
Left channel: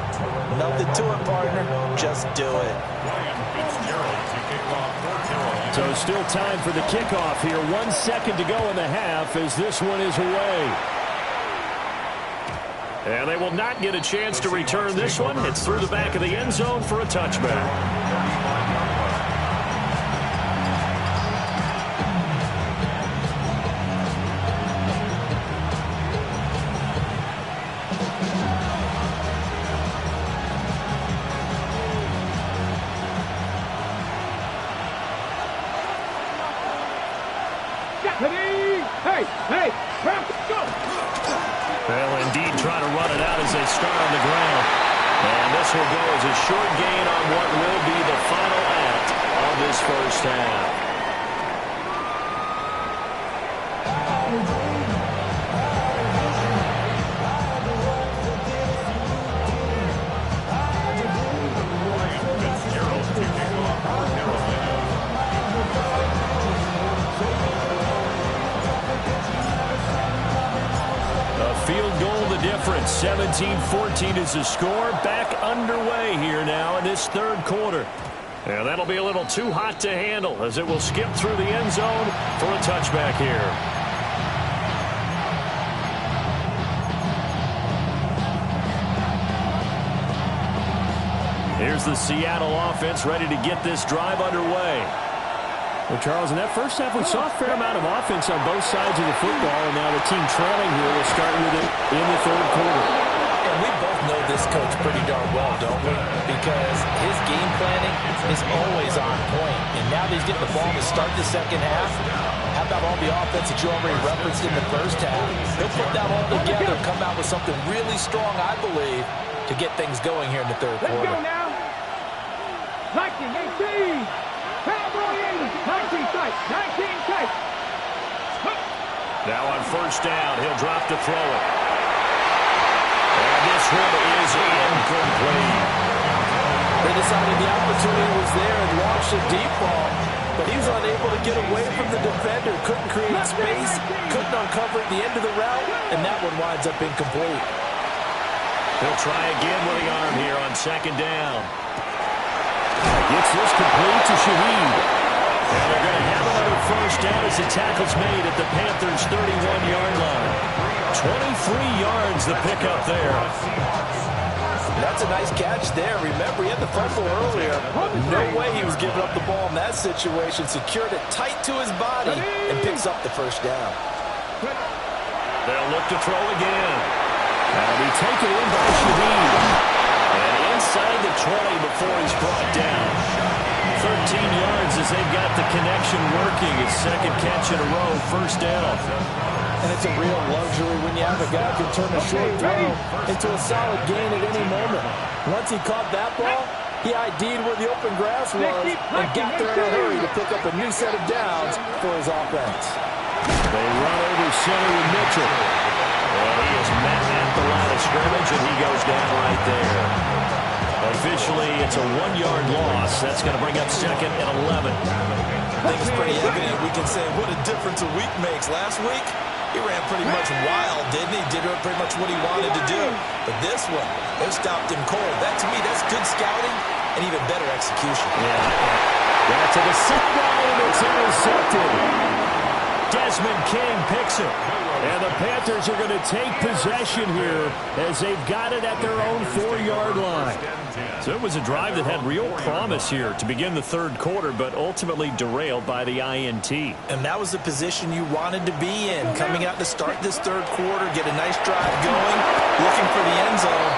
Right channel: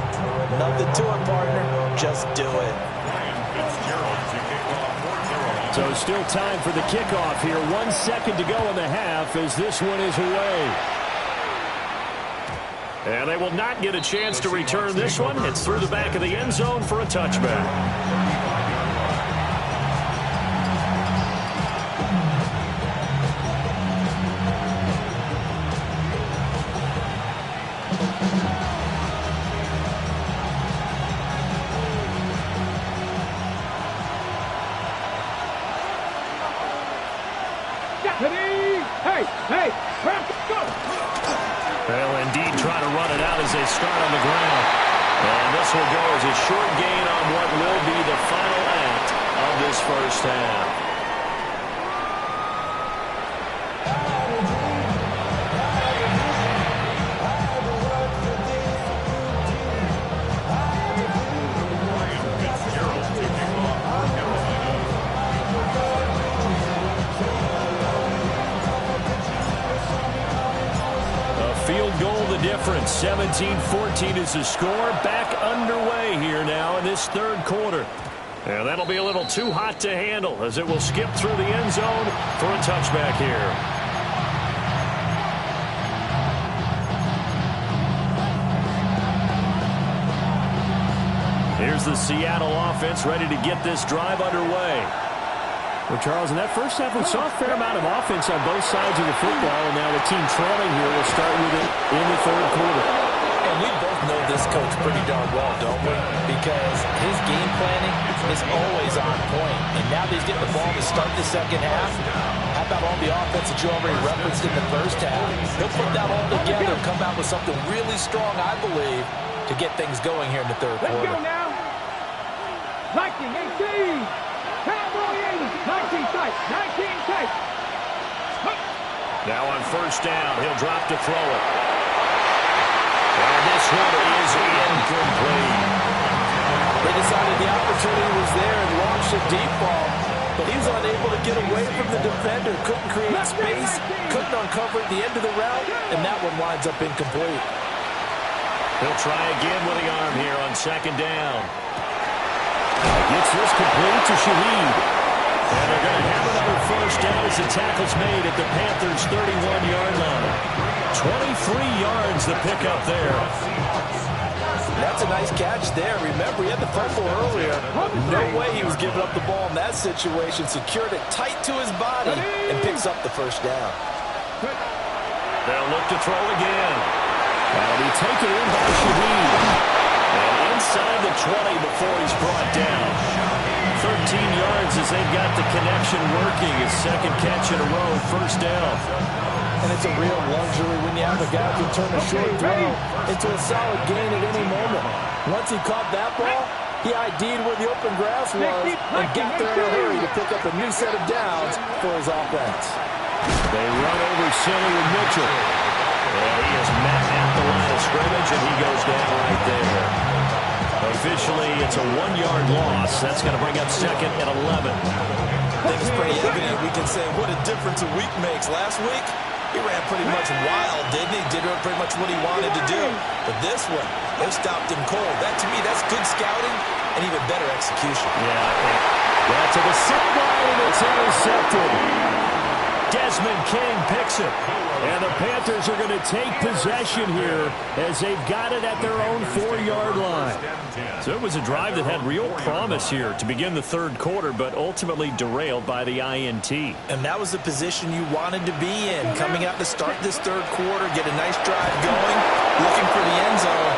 Nothing to it, partner. Just do it. So still time for the kickoff here. 1 second to go in the half as this one is away. And they will not get a chance to return this one. It's through the back of the end zone for a touchback. Hey, hey, go! They'll indeed try to run it out as they start on the ground. And this will go as a short gain on what will be the final act of this first half. Field goal the difference. 17-14 is the score. Back underway here now in this 3rd quarter. And that'll be a little too hot to handle as it will skip through the end zone for a touchback here. Here's the Seattle offense ready to get this drive underway. Well, Charles, in that first half, we saw a fair amount of offense on both sides of the football, and now the team trailing here will start with it in the 3rd quarter. And we both know this coach pretty darn well, don't we? Because his game planning is always on point. And now that he's getting the ball to start the 2nd half, how about all the offense that you already referenced in the first half? He'll put that all together and come out with something really strong, I believe, to get things going here in the 3rd quarter. Let's go now. Lightning 18. Cowboy 80. 19 tight. 19 tight. Now on first down, he'll drop to throw it. And this one is incomplete. They decided the opportunity was there and launched a deep ball, but he was unable to get away from the defender. Couldn't create space, couldn't uncover at the end of the route, and that one winds up incomplete. He'll try again with the arm here on 2nd down. Gets this complete to Shaheed. And they're going to have another first down as the tackle's made at the Panthers' 31-yard line. 23 yards the pickup there. That's a nice catch there. Remember, he had the fumble earlier. No way he was giving up the ball in that situation. Secured it tight to his body and picks up the first down. They'll look to throw again. That'll be taken in by Shaheed. And inside the 20 before he's brought down. 13 yards as they've got the connection working. His second catch in a row, first down. And it's a real luxury when you have a guy who can turn a short throw into a solid gain at any moment. Once he caught that ball, he ID'd where the open grass was and got there in a hurry to pick up a new set of downs for his offense. They run over center with Mitchell. And he is met at the line of scrimmage, and he goes down right there. Officially, it's a 1-yard loss. That's going to bring up second and 11. I think it's pretty evident. We can say what a difference a week makes. Last week, he ran pretty much wild, didn't he? Did pretty much what he wanted to do. But this one, they stopped him cold. That, to me, that's good scouting and even better execution. Yeah, to the sideline, and it's intercepted. Desmond King picks it. And the Panthers are going to take possession here as they've got it at their own 4-yard line. So it was a drive that had real promise here to begin the third quarter, but ultimately derailed by the INT. And that was the position you wanted to be in. Coming out to start this third quarter, get a nice drive going, looking for the end zone.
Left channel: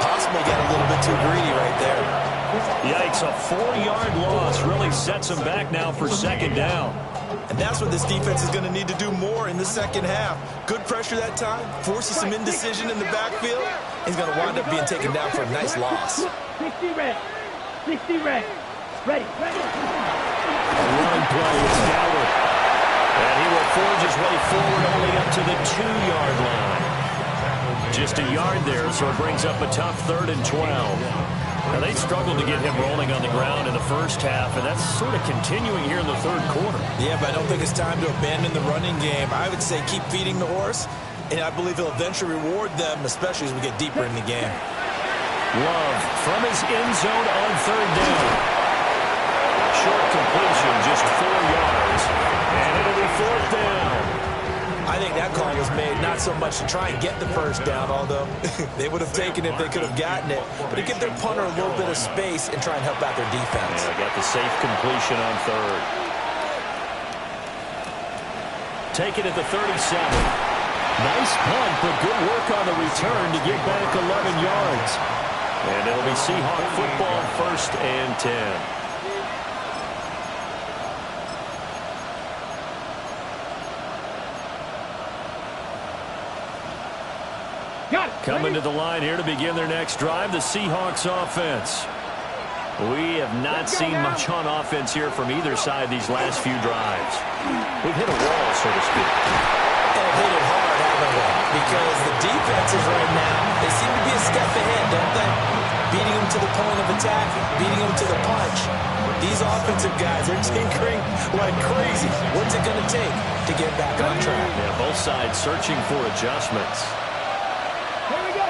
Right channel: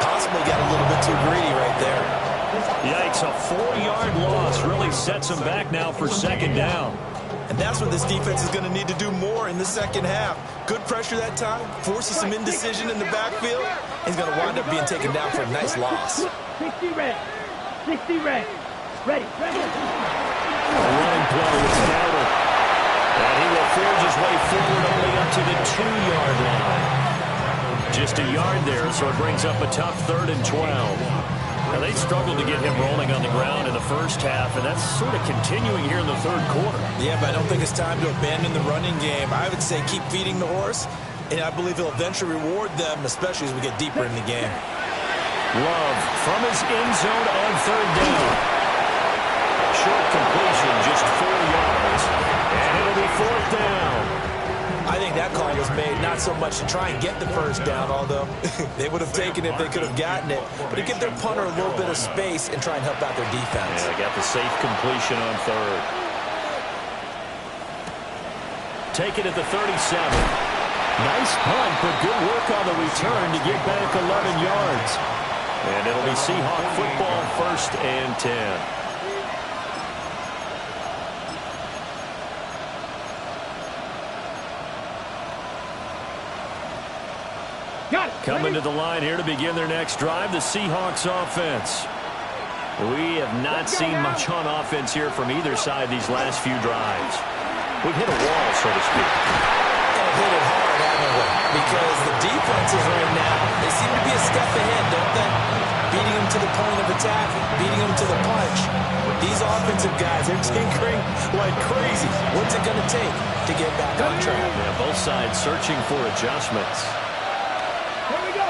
Possibly got a little bit too greedy right there. Yikes, a 4-yard loss really sets them back now for second down. And that's what this defense is going to need to do more in the second half. Good pressure that time, forces some indecision in the backfield. He's going to wind up being taken down for a nice loss. 60 red. 60 red. Ready. A running play, it's Dowdle. And he will forge his way forward only up to the 2-yard line. Just a yard there, so it brings up a tough 3rd and 12. Now, they struggled to get him rolling on the ground in the first half, and that's sort of continuing here in the third quarter. Yeah, but I don't think it's time to abandon the running game. I would say keep feeding the horse, and I believe he'll eventually reward them, especially as we get deeper in the game. Love from his end zone on 3rd down. Short completion, just 4 yards, and it'll be 4th down. I think that call was made not so much to try and get the first down, although they would have taken it if they could have gotten it, but to give their punter a little bit of space and try and help out their defense. Yeah, got the safe completion on 3rd. Take it at the 37. Nice punt, but good work on the return to get back 11 yards. And it'll be Seahawk football, 1st and 10. Coming to the line here to begin their next drive, the Seahawks offense. We have not seen much on offense here from either side these last few drives. We've hit a wall, so to speak. And hit it hard, haven't we? Because the defenses right now, they seem to be a step ahead, don't they? Beating them to the point of attack, beating them to the punch. These offensive guys, they're tinkering like crazy. What's it going to take to get back on track? Yeah, both sides searching for adjustments. Here we go.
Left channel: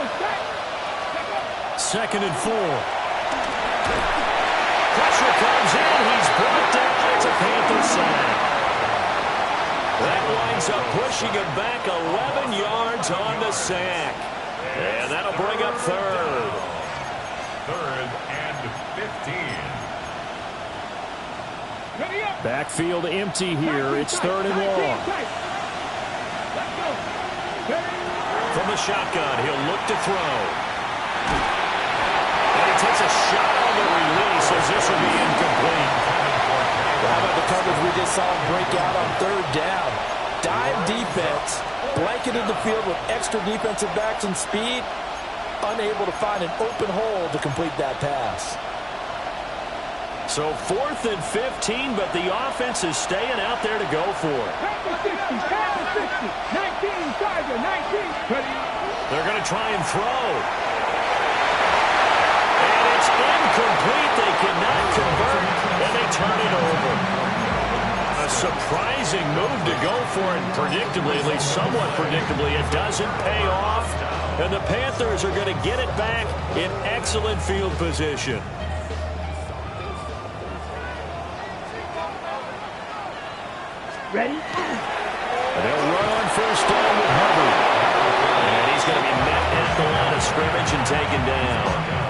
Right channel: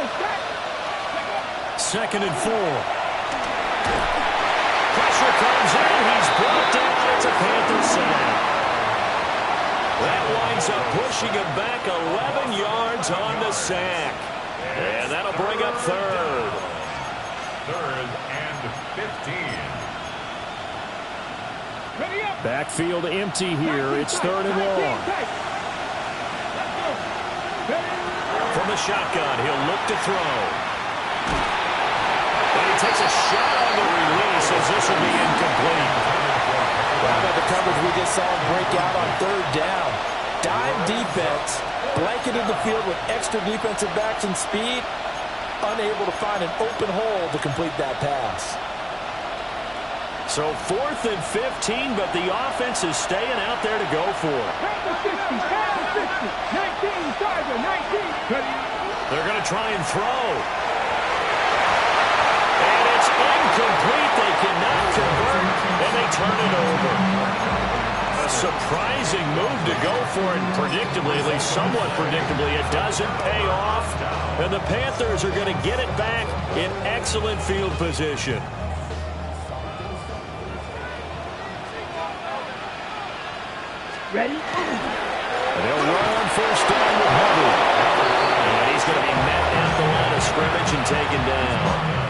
2nd and 4. Pressure comes in. He's brought down. It's a Panther sack. That winds up pushing him back 11 yards on the sack. And that'll bring up 3rd. 3rd and 15. Backfield empty here. It's 3rd and long. Let's go. From the shotgun, he'll look to throw. And he takes a shot on the release as this will be incomplete. How about the coverage we just saw him break out on 3rd down? Dime defense, blanketed the field with extra defensive backs and speed, unable to find an open hole to complete that pass. So 4th and 15, but the offense is staying out there to go for it. 19, Tiger, 19. They're going to try and throw. And it's incomplete. They cannot convert, and they turn it over. A surprising move to go for it, predictably, at least somewhat predictably. It doesn't pay off, and the Panthers are going to get it back in excellent field position. Ready? And they'll run on 1st down with Hubbard. And he's he's going to be met at the line of scrimmage and taken down.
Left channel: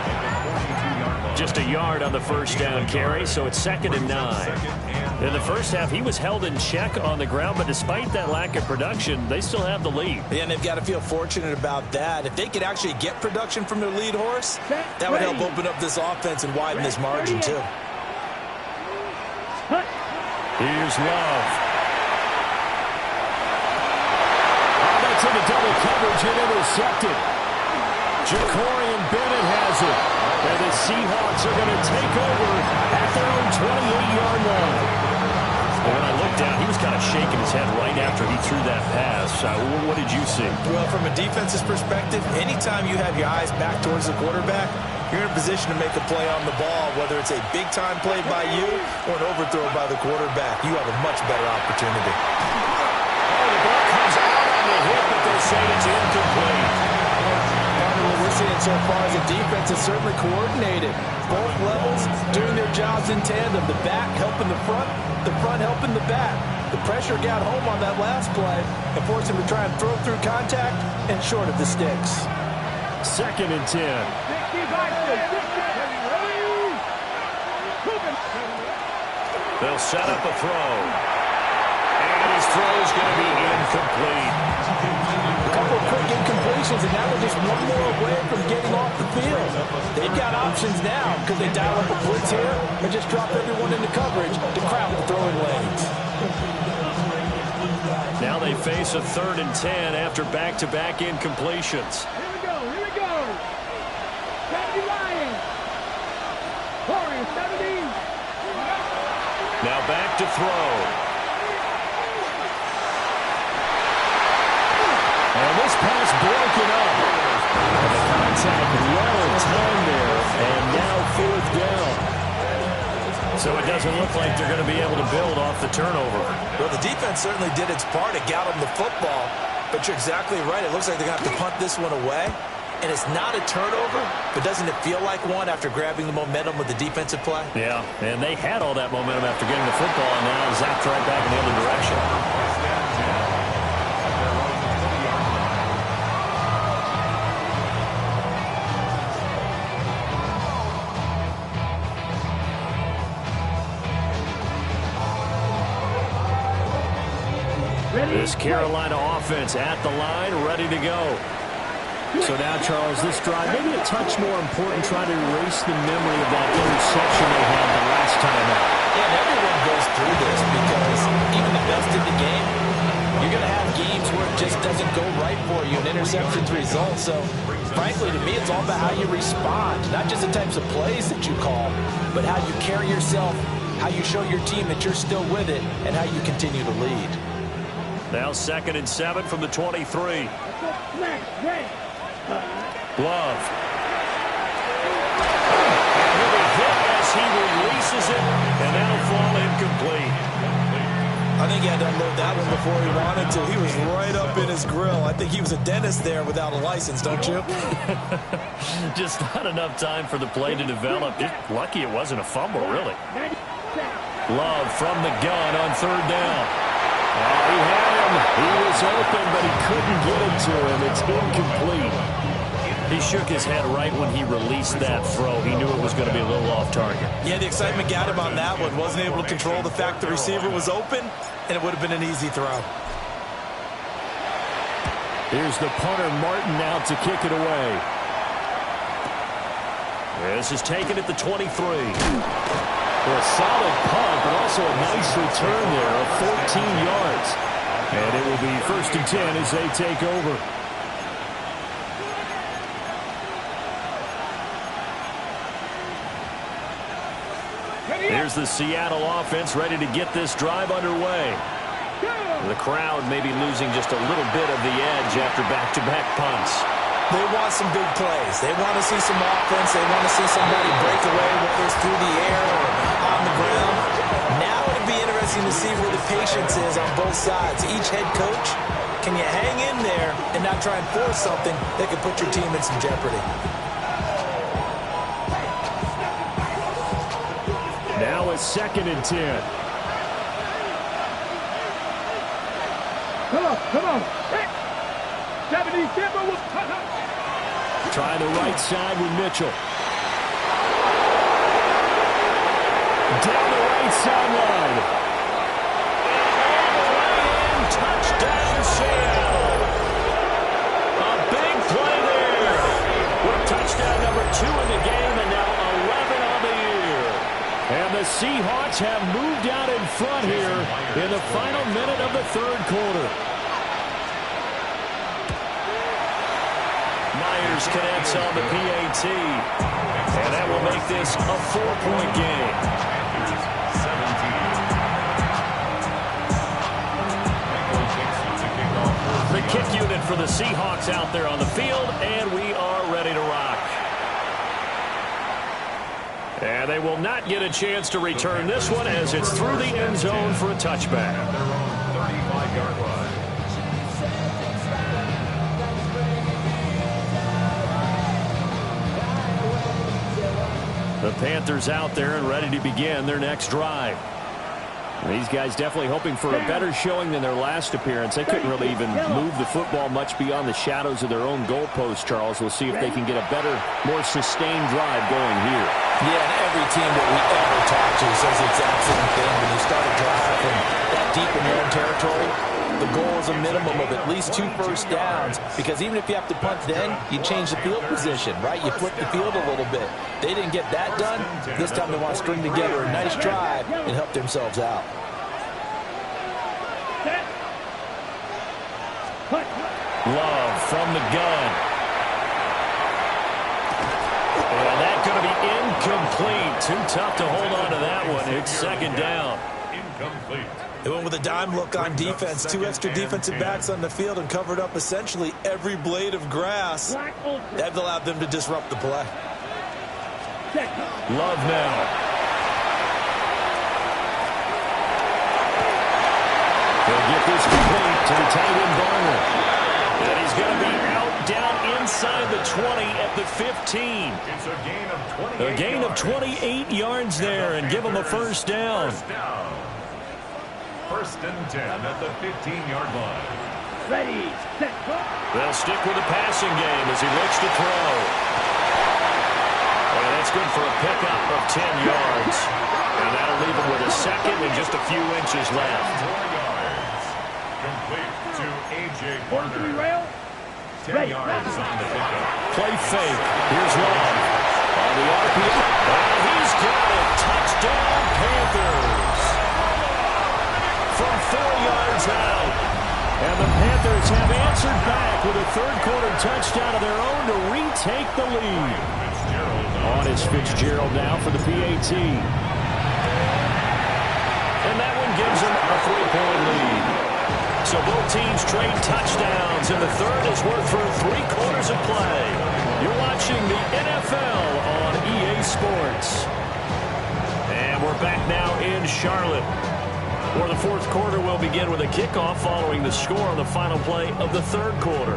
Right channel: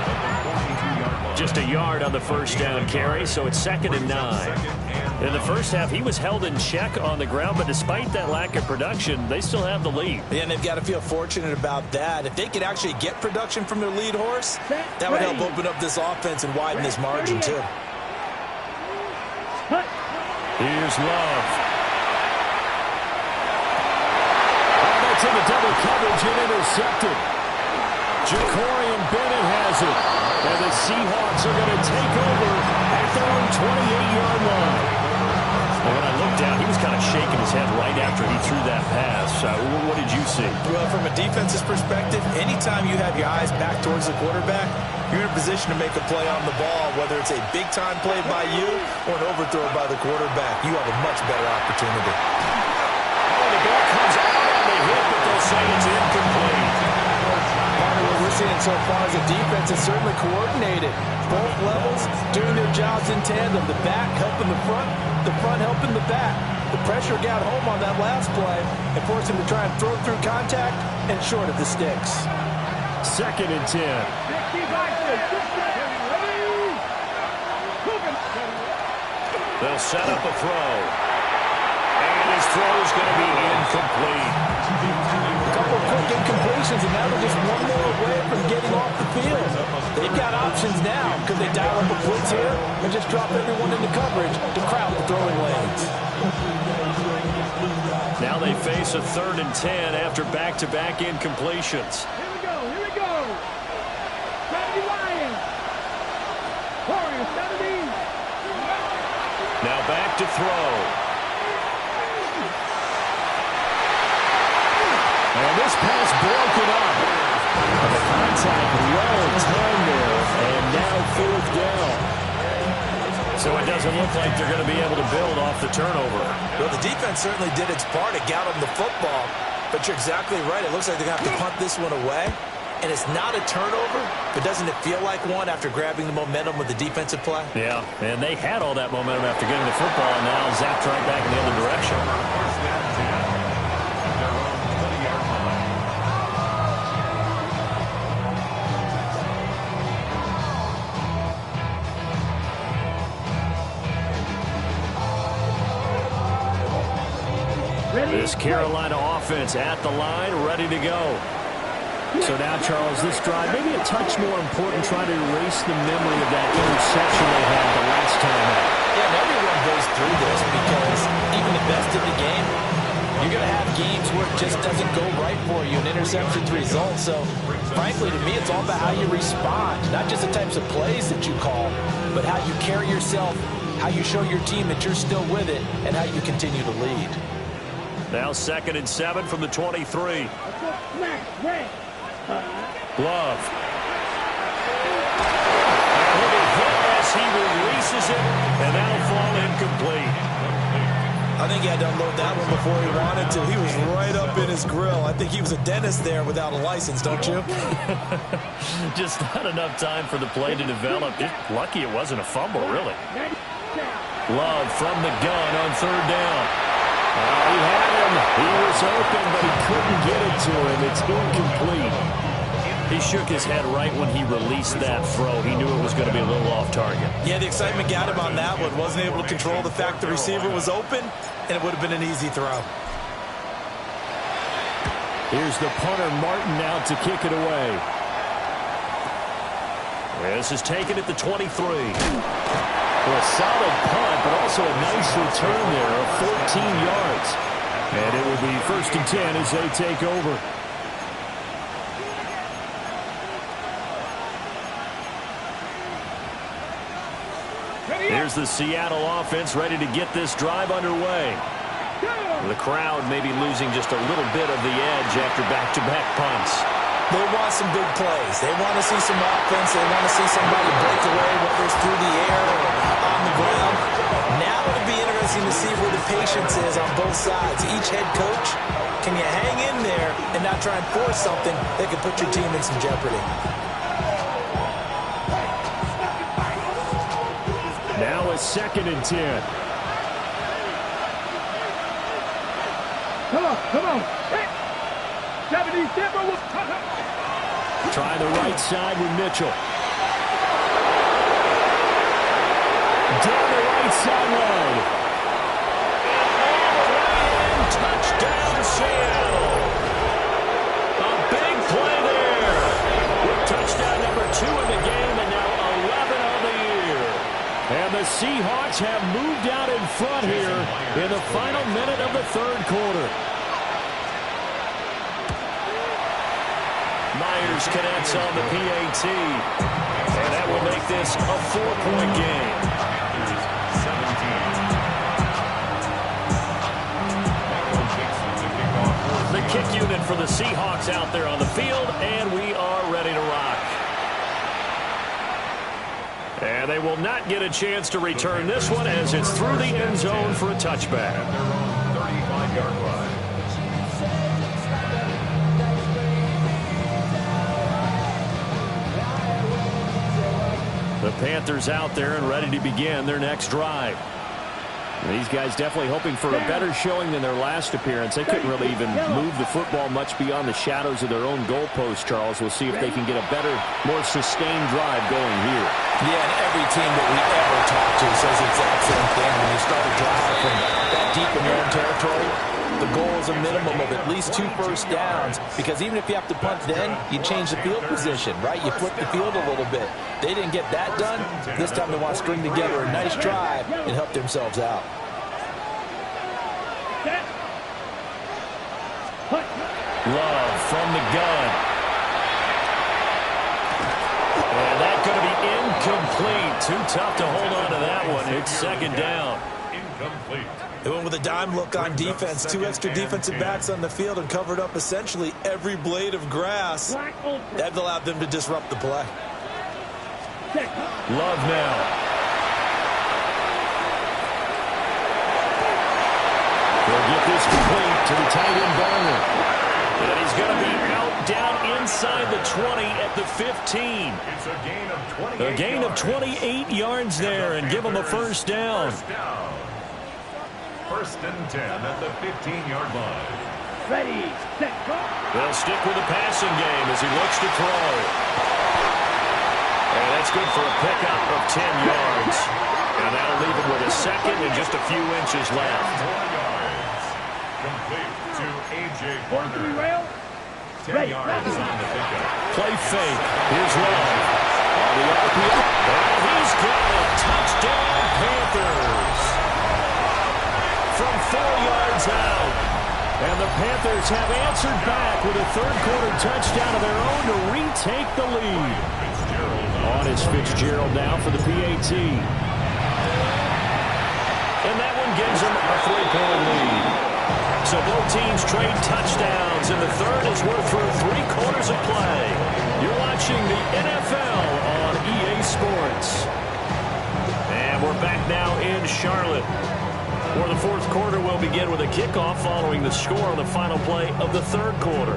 Just a yard on the first down carry, so it's 2nd and 9. In the first half, he was held in check on the ground, but despite that lack of production, they still have the lead. Yeah, and they've got to feel fortunate about that. If they could actually get production from their lead horse, that would help open up this offense and widen this margin, too. Here's Love. Oh, that's into double coverage and intercepted. Jacorian Bennett has it. And the Seahawks are going to take over at their own 28-yard line. And when I looked down, he was kind of shaking his head right after he threw that pass. What did you see? Well, from a defense's perspective, anytime you have your eyes back towards the quarterback, you're in a position to make a play on the ball, whether it's a big-time play by you or an overthrow by the quarterback. You have a much better opportunity. Oh, the ball comes out on the hit, but they'll say it's incomplete. Partner, what we're seeing so far is the defense is certainly coordinated. Both levels doing their jobs in tandem. The back helping the front helping the back. The pressure got home on that last play and forced him to try and throw through contact and short of the sticks. 2nd and 10. They'll set up a throw. And his throw is going to be incomplete. A couple of quick incompletions, and now they're just one more away from getting off the field. They've got options now because they dial up a blitz here and just drop everyone into coverage to crowd the throwing lanes. Now they face a 3rd and 10 after back-to-back incompletions. Here we go. 70 Lions. Warriors 70. Now back to throw. And this pass broken up. And the contact well timed there, and now 4th down. So it doesn't look like they're going to be able to build off the turnover. Well, the defense certainly did its part. It got them the football. But you're exactly right. It looks like they're going to have to punt this one away. And it's not a turnover, but doesn't it feel like one after grabbing the momentum with the defensive play? Yeah, and they had all that momentum after getting the football, and now zapped right back in the other direction. This Carolina offense at the line, ready to go. So now, Charles, this drive, maybe a touch more important, trying to erase the memory of that interception they had the last time out. Yeah, and everyone goes through this because even the best in the game, you're going to have games where it just doesn't go right for you and interceptions result. So, frankly, to me, it's all about how you respond, not just the types of plays that you call, but how you carry yourself, how you show your team that you're still with it, and how you continue to lead. Now 2nd and 7 from the 23. Love. And he'll be hit as he releases it, and that'll fall incomplete. I think he had to unload that one before he wanted to. He was right up in his grill. I think he was a dentist there without a license, don't you? Just not enough time for the play to develop. Just lucky it wasn't a fumble, really. Love from the gun on 3rd down. Oh, he had him. He was open, but he couldn't get it to him. It's incomplete. He shook his head right when he released that throw. He knew it was going to be a little off target. Yeah, the excitement got him on that one. Wasn't able to control the fact the receiver was open, and it would have been an easy throw. Here's the punter, Martin, now to kick it away. This is taken at the 23. For a solid punt, but also a nice return there of 14 yards. And it will be 1st and 10 as they take over. Here's the Seattle offense ready to get this drive underway. The crowd may be losing just a little bit of the edge after back-to-back punts. They want some big plays. They want to see some offense. They want to see somebody break away, whether it's through the air or on the ground. Now it'll be interesting to see where the patience is on both sides. Each head coach, can you hang in there and not try and force something that could put your team in some jeopardy? Now it's 2nd and 10. Come on. 77 will cut up. Try the right side with Mitchell. Down the right sideline. And all the way in. Touchdown, Seattle. A big play there. With touchdown number 2 in the game and now 11 on the year. And the Seahawks have moved out in front here in the final minute of the third quarter. Myers connects on the PAT. And that will make this a 4-point game. Panthers 17. Michael Dixon to kick off. The kick unit for the Seahawks out there on the field, and we are ready to rock. And they will not get a chance to return this one as it's through the end zone for a touchback. At their own 35-yard line. The Panthers out there and ready to begin their next drive. These guys definitely hoping for a better showing than their last appearance. They couldn't really even move the football much beyond the shadows of their own goalpost, Charles. We'll see if they can get a better, more sustained drive going here. Yeah, and every team that we ever talk to says the exact same thing. When you start a drive from that deep in your own territory, the goal is a minimum of at least 2 first downs, because even if you have to punt then, you change the field position, right? You flip the field a little bit. They didn't get that done. This time they want to string together a nice drive and help themselves out. Love from the gun. And that's going to be incomplete. Too tough to hold on to that one. It's second down. Incomplete. They went with a dime look on defense. 2 extra defensive backs on the field and covered up essentially every blade of grass. That allowed them to disrupt the play. Love now. They'll get this complete to the tight end Barner. And he's going to be out down inside the 20 at the 15. It's a gain of 28 A gain of 28 yards there and give him a first down. First down. 1st and 10 at the 15-yard line. Ready, set, go. They'll stick with the passing game as he looks to throw. And that's good for a pickup of 10 yards. And that'll leave him with a second and just a few inches left. 4 yards. Complete to A.J. Barner. Rail. 10 yards on the pickup. Play fake. Here's Love. On the RPO. And he's got it. Touchdown, Panthers. From 4 yards out. And the Panthers have answered back with a third-quarter touchdown of their own to retake the lead. On is Fitzgerald now for the PAT. And that one gives them a 3-point lead. So both teams trade touchdowns, and the third as we're through 3 quarters of play. You're watching the NFL on EA Sports. And we're back now in Charlotte, where the fourth quarter will begin with a kickoff following the score on the final play of the third quarter.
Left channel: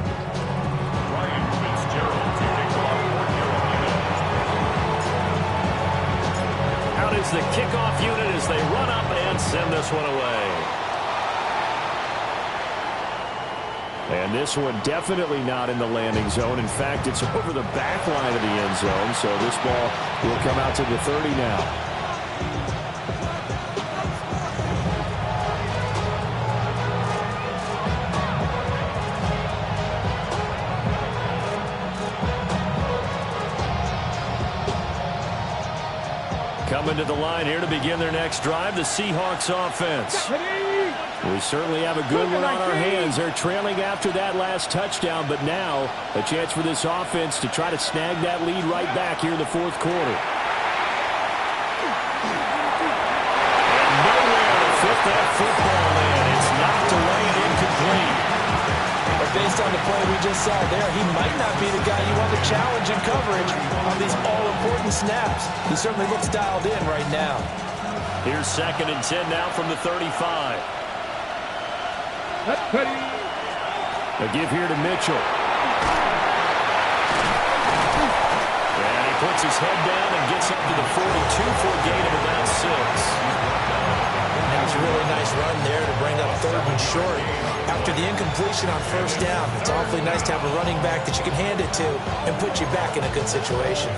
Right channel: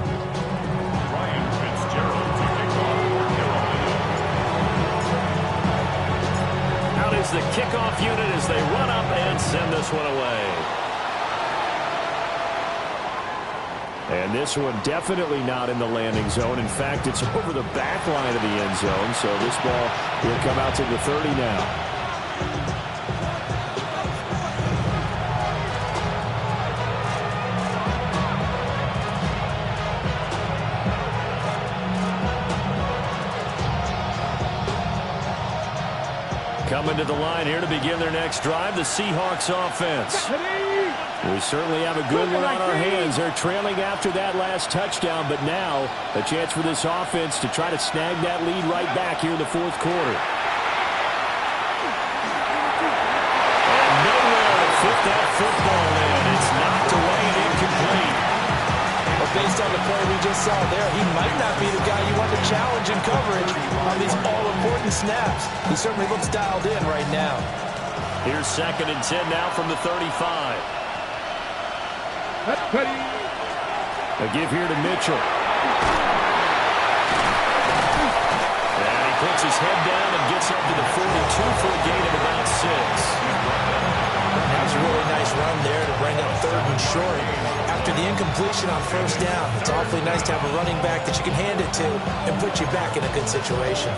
Ryan Fitzgerald to kick off for Carolina. Out is the kickoff unit as they run up and send this one away. And this one definitely not in the landing zone. In fact, it's over the back line of the end zone. So this ball will come out to the 30 now. Coming to the line here to begin their next drive, the Seahawks offense. We certainly have a good one on our hands. They're trailing after that last touchdown, but now a chance for this offense to try to snag that lead right back here in the fourth quarter. And nowhere to fit that football in. It's knocked away and incomplete. But based on the play we just saw there, he might not be the guy you want to challenge in coverage on these all-important snaps. He certainly looks dialed in right now. Here's 2nd and 10 now from the 35. A give here to Mitchell. And he puts his head down and gets up to the 42 for a gain of about 6. That was a really nice run there to bring up 3rd and short. After the incompletion on 1st down, it's awfully nice to have a running back that you can hand it to and put you back in a good situation.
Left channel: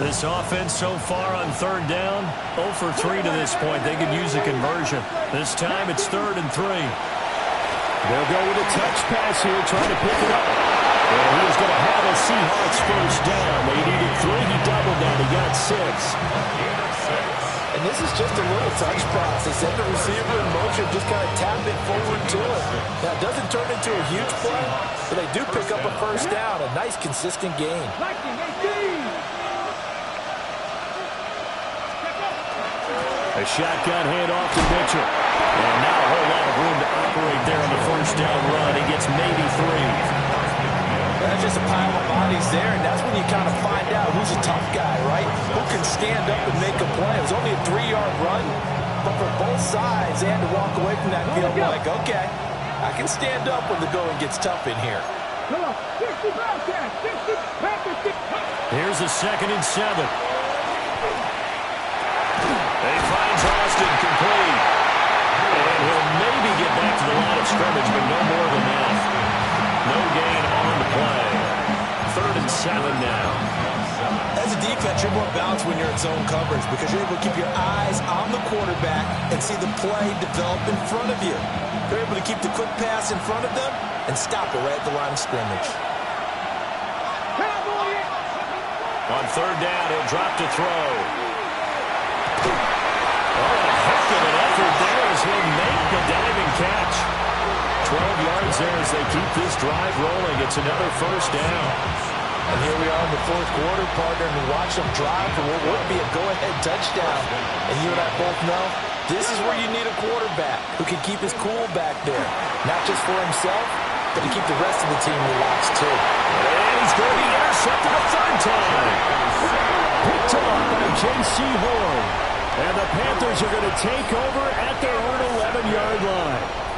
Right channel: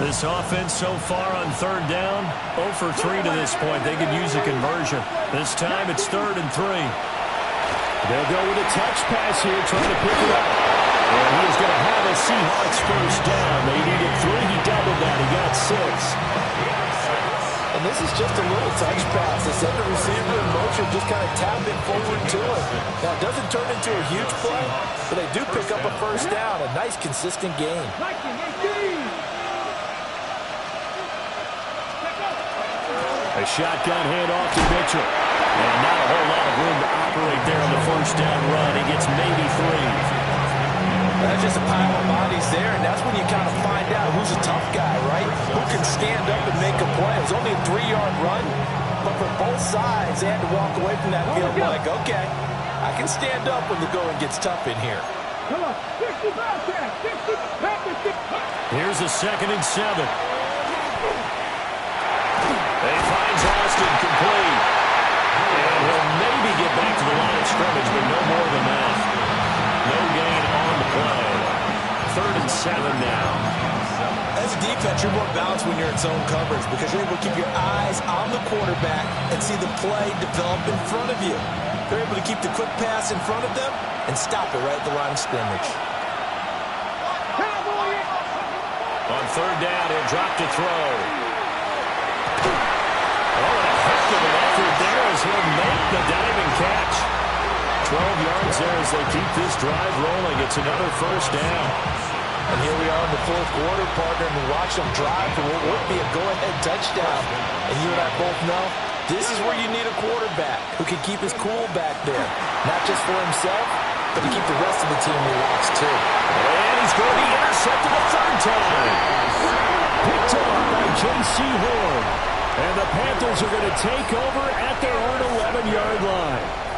This offense so far on 3rd down, 0 for 3 to this point. They could use a conversion. This time it's 3rd and 3. They'll go with a touch pass here, trying to pick it up. And he is going to have a Seahawks 1st down. They needed 3. He doubled that. He got 6. And this is just a little touch pass. They send the receiver in motion, just kind of tap it forward to him. Now, it doesn't turn into a huge play, but they do pick up a 1st down. A nice, consistent gain. A shotgun handoff to Mitchell. And not a whole lot of room to operate there on the 1st down run. He gets maybe 3. That's just a pile of bodies there, and that's when you kind of find out who's a tough guy, right? Who can stand up and make a play. It was only a 3-yard run, but for both sides, they had to walk away from that field like, okay, I can stand up when the going gets tough in here. Here's a 2nd and 7. He finds Austin complete. And he'll maybe get back to the line of scrimmage, but no more than that. No gain on the play. 3rd and 7 now. As a defense, you're more balanced when you're in zone coverage because you're able to keep your eyes on the quarterback and see the play develop in front of you. They're able to keep the quick pass in front of them and stop it right at the line of scrimmage. On 3rd down, he'll drop to throw. Oh, and a heck of an effort there as he'll make the diving catch. 12 yards there as they keep this drive rolling. It's another 1st down. And here we are in the 4th quarter, partner, and watch them drive for what would be a go-ahead touchdown. And you and I both know this is where you need a quarterback who can keep his cool back there. Not just for himself, but to keep the rest of the team relaxed too. And he's going to be intercepted a 3rd time. Picked off by J.C. Horn. And the Panthers are going to take over at their own 11-yard line.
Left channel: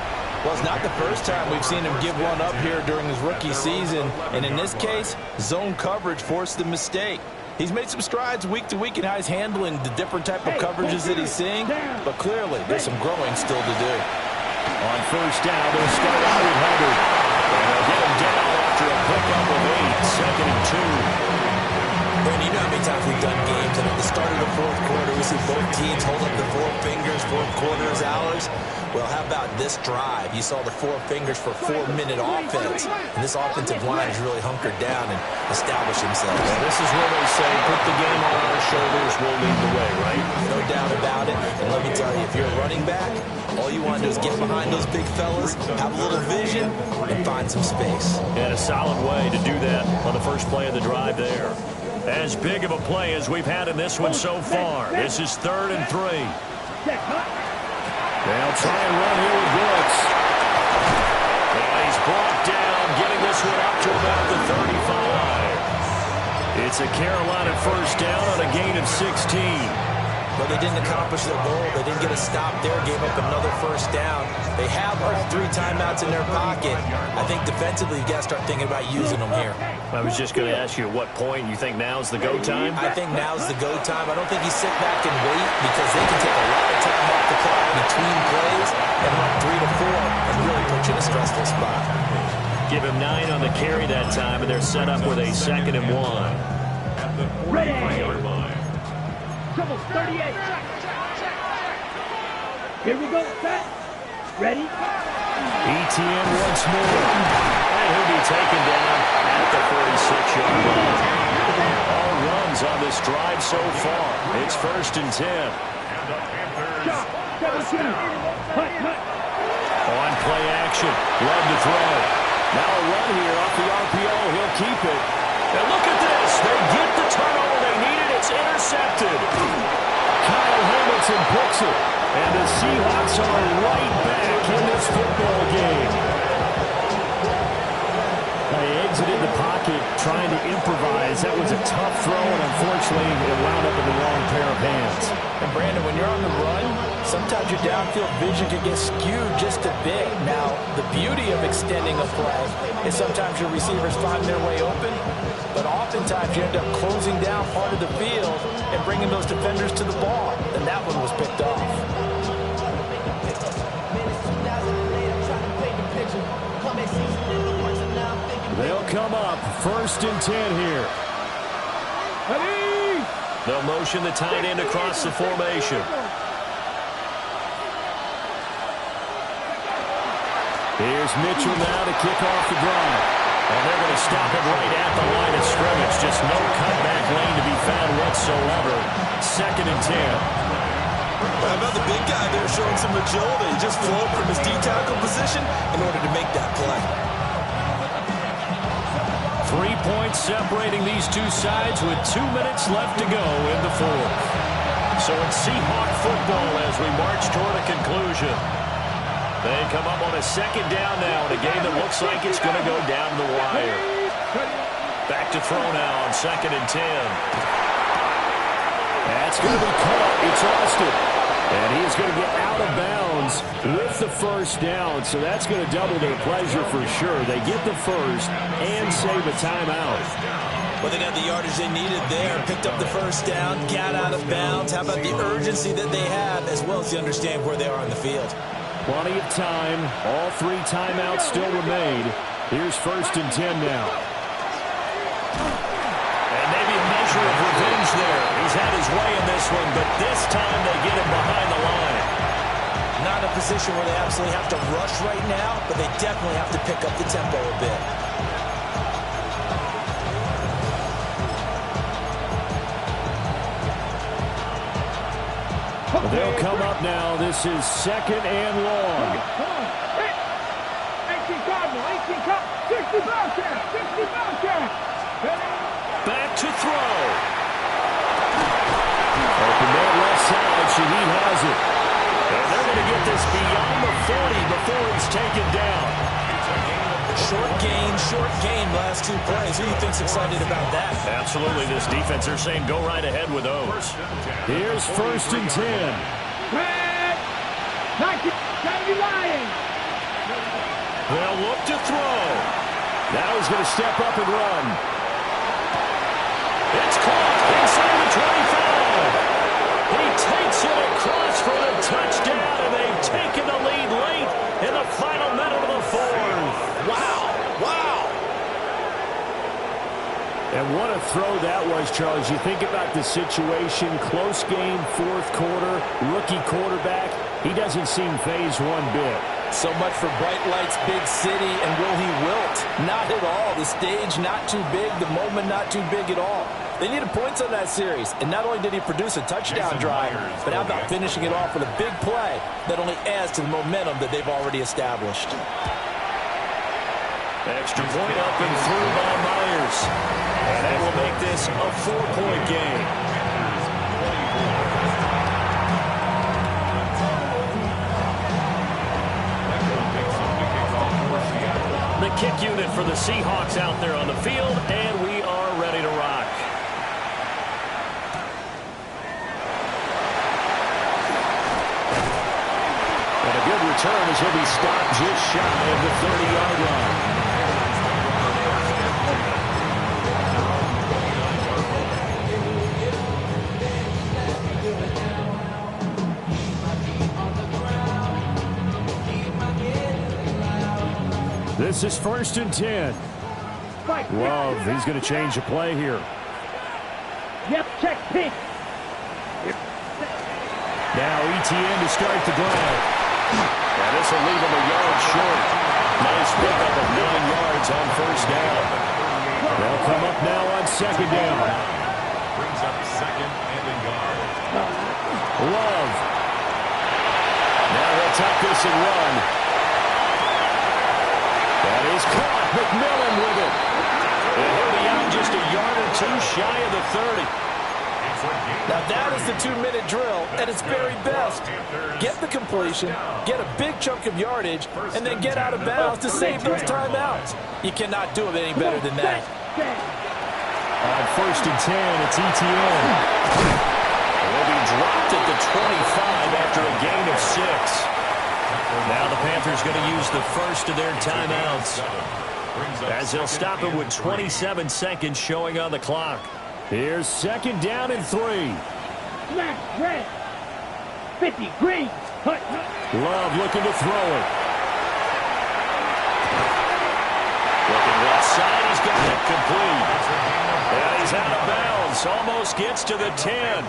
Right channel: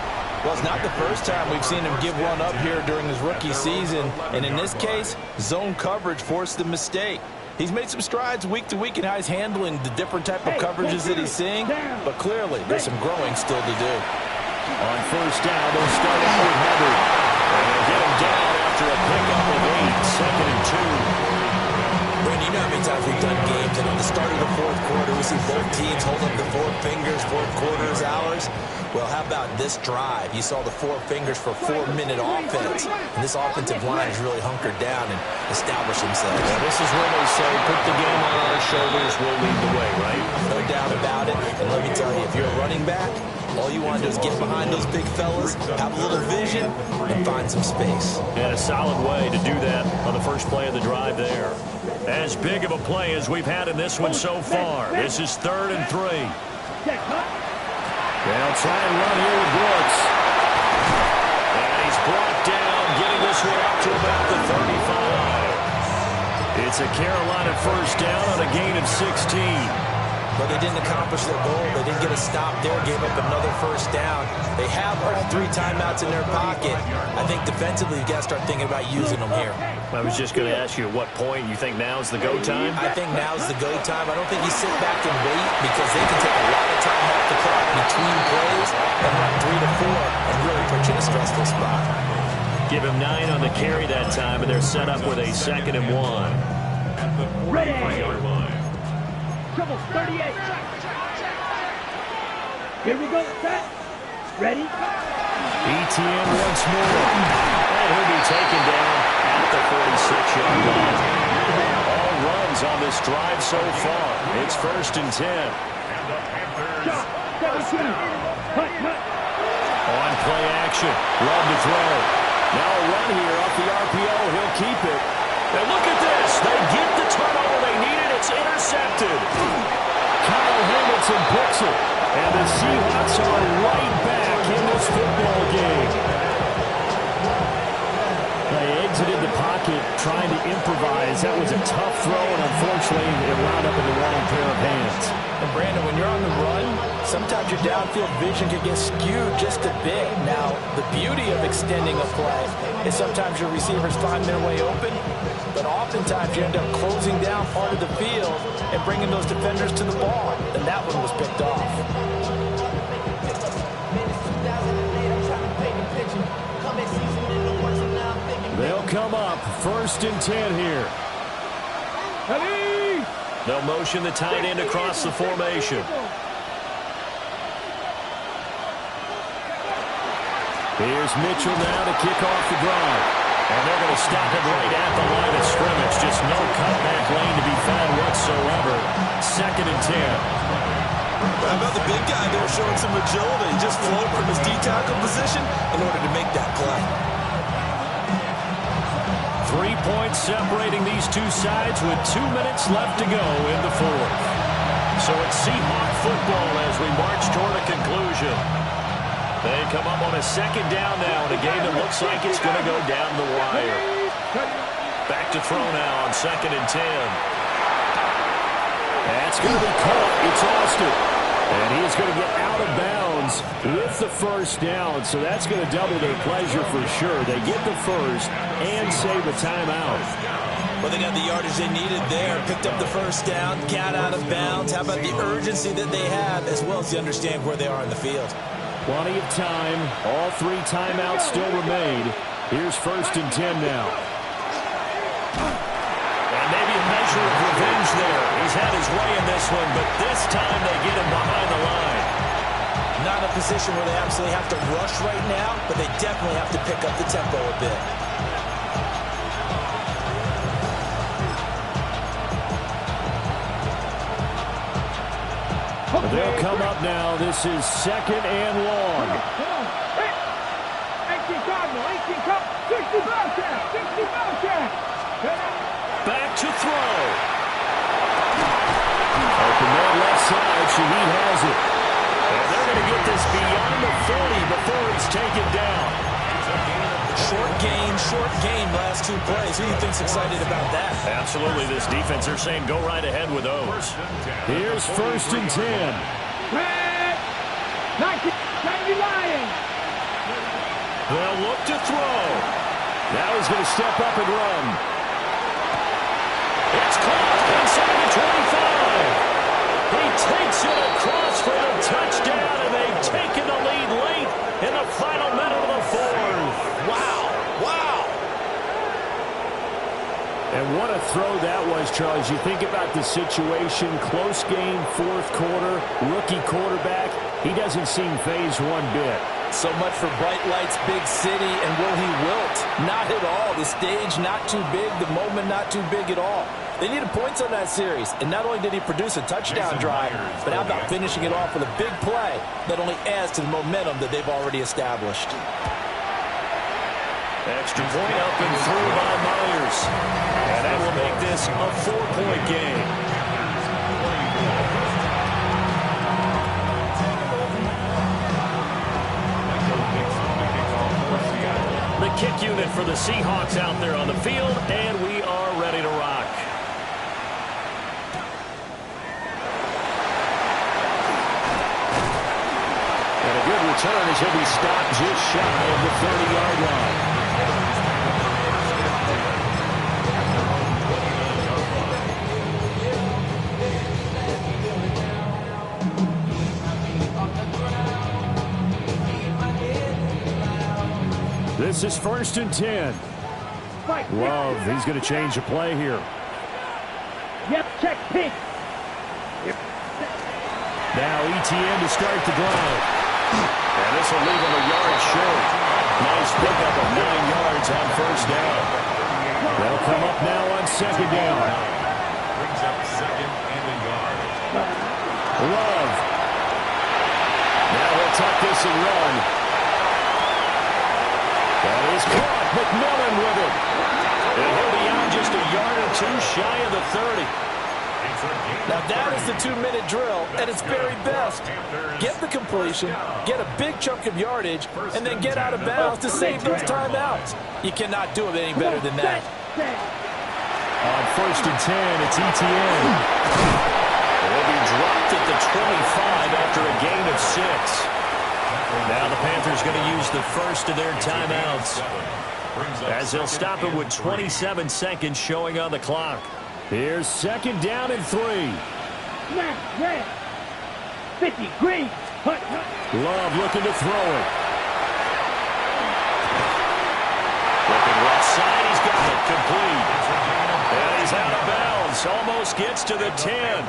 Well, it's not the first time we've seen him give one up here during his rookie season. And in this case, zone coverage forced the mistake. He's made some strides week to week in how he's handling the different type of coverages that he's seeing. But clearly, there's some growing still to do. On 1st down, they'll start out with Hubbard. And they'll get him down after a pickup of 8. 2nd and 2. Brandon, you know how many times we've done games, and at the start of the 4th quarter, we see both teams hold up the 4 fingers, 4th quarter is ours. Well, how about this drive? You saw the 4 fingers for 4-minute offense, and this offensive line has really hunkered down and established themselves. Yeah, this is where they say, put the game on our shoulders, we'll lead the way, right? No doubt about it, and let me tell you, if you're a running back, all you want to do is get behind those big fellas, have a little vision, and find some space. And a solid way to do that on the first play of the drive there. As big of a play as we've had in this one so far. This is 3rd and 3. They'll try and run here with Brooks. And he's brought down, getting this one up to about the 35. It's a Carolina 1st down on a gain of 16. But they didn't accomplish their goal. They didn't get a stop there, gave up another 1st down. They have all 3 timeouts in their pocket. I think defensively, you've got to start thinking about using them here. I was just going to ask you at what point you think now's the go time? I think now's the go time. I don't think you sit back and wait because they can take a lot of time off the clock between plays and run 3 to 4 and really put you in a stressful spot. Give him 9 on the carry that time, and they're set up with a 2nd and 1. At the 45-yard line. Trouble 38. Here we go. Set. Ready? ETN once more. And he'll be taken down at the 46-yard line. All runs on this drive so far. It's 1st and 10. And the Panthers. Shot. 17. Hut, hut. On play action. Love to throw. Now a run here off the RPO. He'll keep it. And look at this. They get the turnover they needed. It's intercepted. Kyle Hamilton picks it. And the Seahawks are right back in this football game. They exited the pocket trying to improvise. That was a tough throw, and unfortunately, it wound up in the wrong pair of hands. And Brandon, when you're on the run, sometimes your downfield vision can get skewed just a bit. Now, the beauty of extending a play is sometimes your receivers find their way open, but oftentimes you end up closing down part of the field and bringing those defenders to the ball, and that one was picked off. come up. 1st and 10 here. Ready? They'll motion the tight end across the formation. Here's Mitchell now to kick off the drive. And they're going to stop it right at the line of scrimmage. Just no cutback lane to be found whatsoever. 2nd and 10. How about the big guy there showing some agility? Just flowed from his D-tackle position in order to make that play. 3 points separating these two sides with 2 minutes left to go in the 4th. So it's Seahawk football as we march toward a conclusion. They come up on a 2nd down now in a game that looks like it's going to go down the wire. Back to throw now on 2nd and 10. That's going to be caught. It's Austin. And he is going to get out of bounds with the 1st down. So that's going to double their pleasure for sure. They get the 1st and save a timeout. Well, they got the yardage they needed there. Picked up the 1st down, got out of bounds. How about the urgency that they have as well as you understand where they are on the field? Plenty of time. All 3 timeouts still remain. Here's 1st and 10 now. And maybe a measure of revenge there. He's had his way in this one, but this time they get him behind the line. Not a position where they absolutely have to rush right now, but they definitely have to pick up the tempo a bit. They'll come up now. This is 2nd and long. Come on. 18 Cardinal, 18 Cup, 60 Bellcat, 60 Bellcat. Back to throw. Open man left side. Shaheed has it. And they're going to get this beyond the 40 before he's taken down. Short game last 2 plays. Who do you think's excited about that? Absolutely. This defense, they're saying go right ahead with those. Here's 1st and 10. Red, 1970 Lions. They'll look to throw. Now he's going to step up and run. It's caught inside the 25. He takes it across for the touchdown, and they've taken the lead late in the final minute of the 4th. Wow. And what a throw that was, Charles. You think about the situation, close game, 4th quarter, rookie quarterback. He doesn't seem phased one bit. So much for bright lights, big city, and will he wilt? Not at all. The stage not too big, the moment not too big at all. They needed points on that series, and not only did he produce a touchdown drive, but how about finishing it off with a big play that only adds to the momentum that they've already established. Extra point up and through by Myers. And that will make this a 4-point game. The kick unit for the Seahawks out there on the field, and we are ready to rock. And a good return as he'll be stopped just shy of the 30-yard line. This is 1st and 10. Love, he's going to change the play here. Yep, check pink. Now ETN to start the drive. And this will leave him a yard short. Nice pickup of 9 yards on 1st down. They'll come up now on 2nd down. Brings up 2nd and a yard. Love. Now he'll tuck this and run. That is caught. McMillan with it. And he'll be out just a yard or 2 shy of the 30. Now that is the 2-minute drill at its very best. Get the completion, get a big chunk of yardage, and then get out of bounds to save those timeouts. You cannot do it any better than that. On 1st and 10, it's ETN. He'll be dropped at the 25 after a gain of 6. Now the Panthers going to use the first of their timeouts as they'll stop it with 27 seconds showing on the clock. Here's 2nd down and 3. Smack, red. 50, green. Hut. Love looking to throw it. Looking left side, he's got it complete. And he's out of bounds. Almost gets to the 10.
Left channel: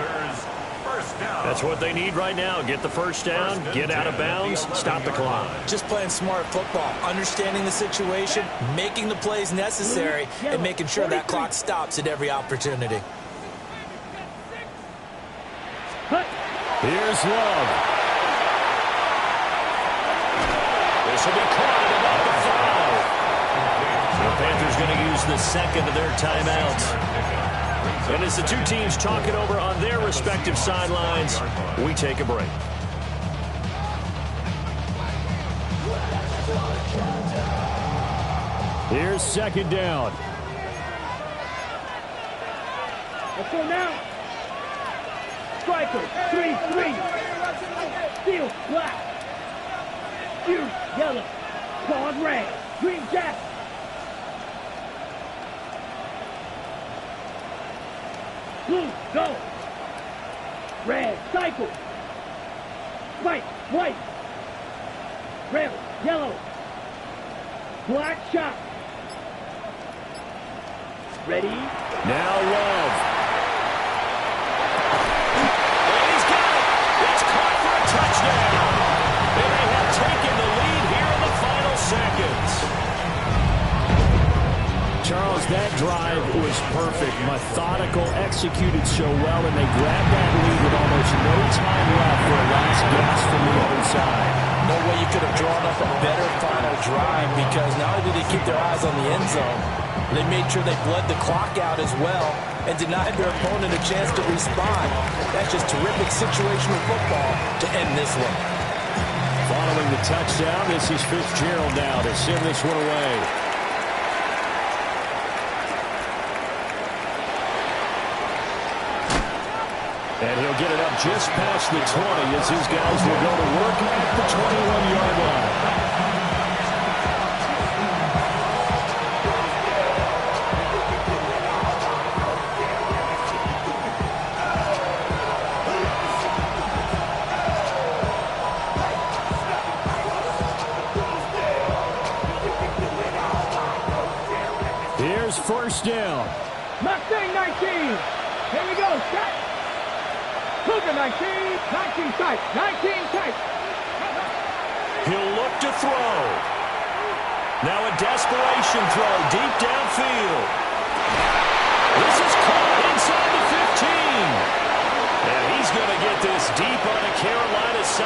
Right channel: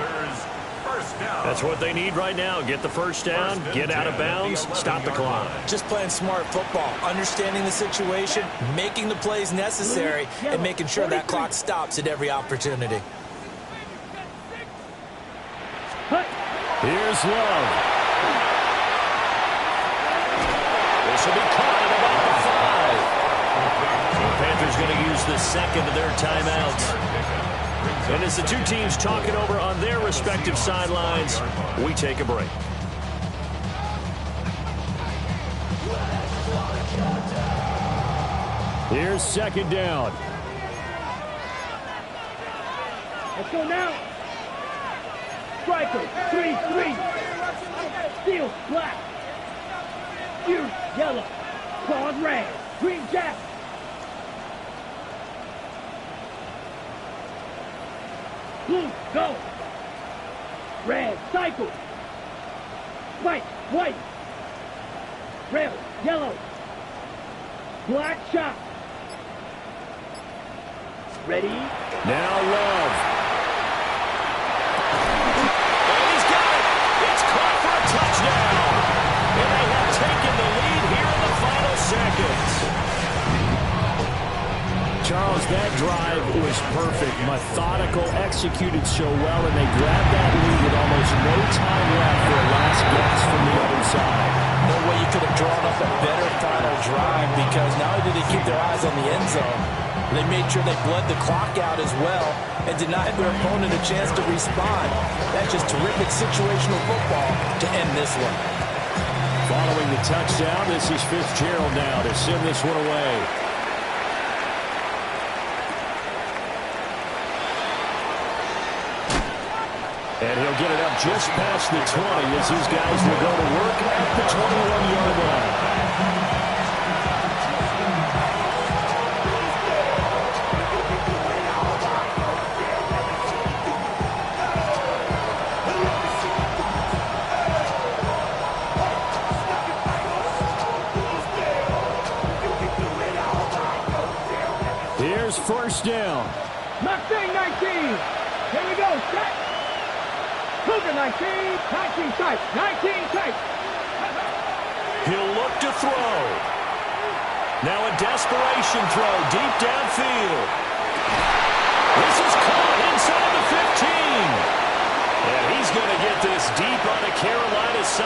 That's what they need right now. Get the first down, get out of bounds, stop the clock. Just playing smart football, understanding the situation, making the plays necessary, and making sure that clock stops at every opportunity. Here's Love. This will be caught at about the 5. So the Panthers going to use the second of their timeouts. And as the two teams talk it over on their respective sidelines, we take a break. Here's second down. Let's go now. Striker, 3-3. Steel, black. Ears, yellow. Claws, red. Green jack. Blue, go. Red, cycle. White, white. Red, yellow. Black, shot. Ready? Now Love. And he's got it. It's caught for a touchdown. And they have taken the lead here in the final seconds. Charles, that drive was perfect. Methodical, executed so well, and they grabbed that lead with almost no time left for a last gasp from the other side. No way you could have drawn up a better final drive, because not only did they keep their eyes on the end zone, they made sure they bled the clock out as well and denied their opponent a chance to respond. That's just terrific situational football to end this one. Following the touchdown, this is Fitzgerald now to send this one away. And he'll get it up just past the 20 as his guys will go to work at the 21-yard line. Here's first down. Mustang 19. Here we go. Set. Cougar 19. 19 tight. 19 tight. He'll look to throw. Now a desperation throw deep downfield. This is caught inside the 15. And he's going to get this deep on a Carolina side.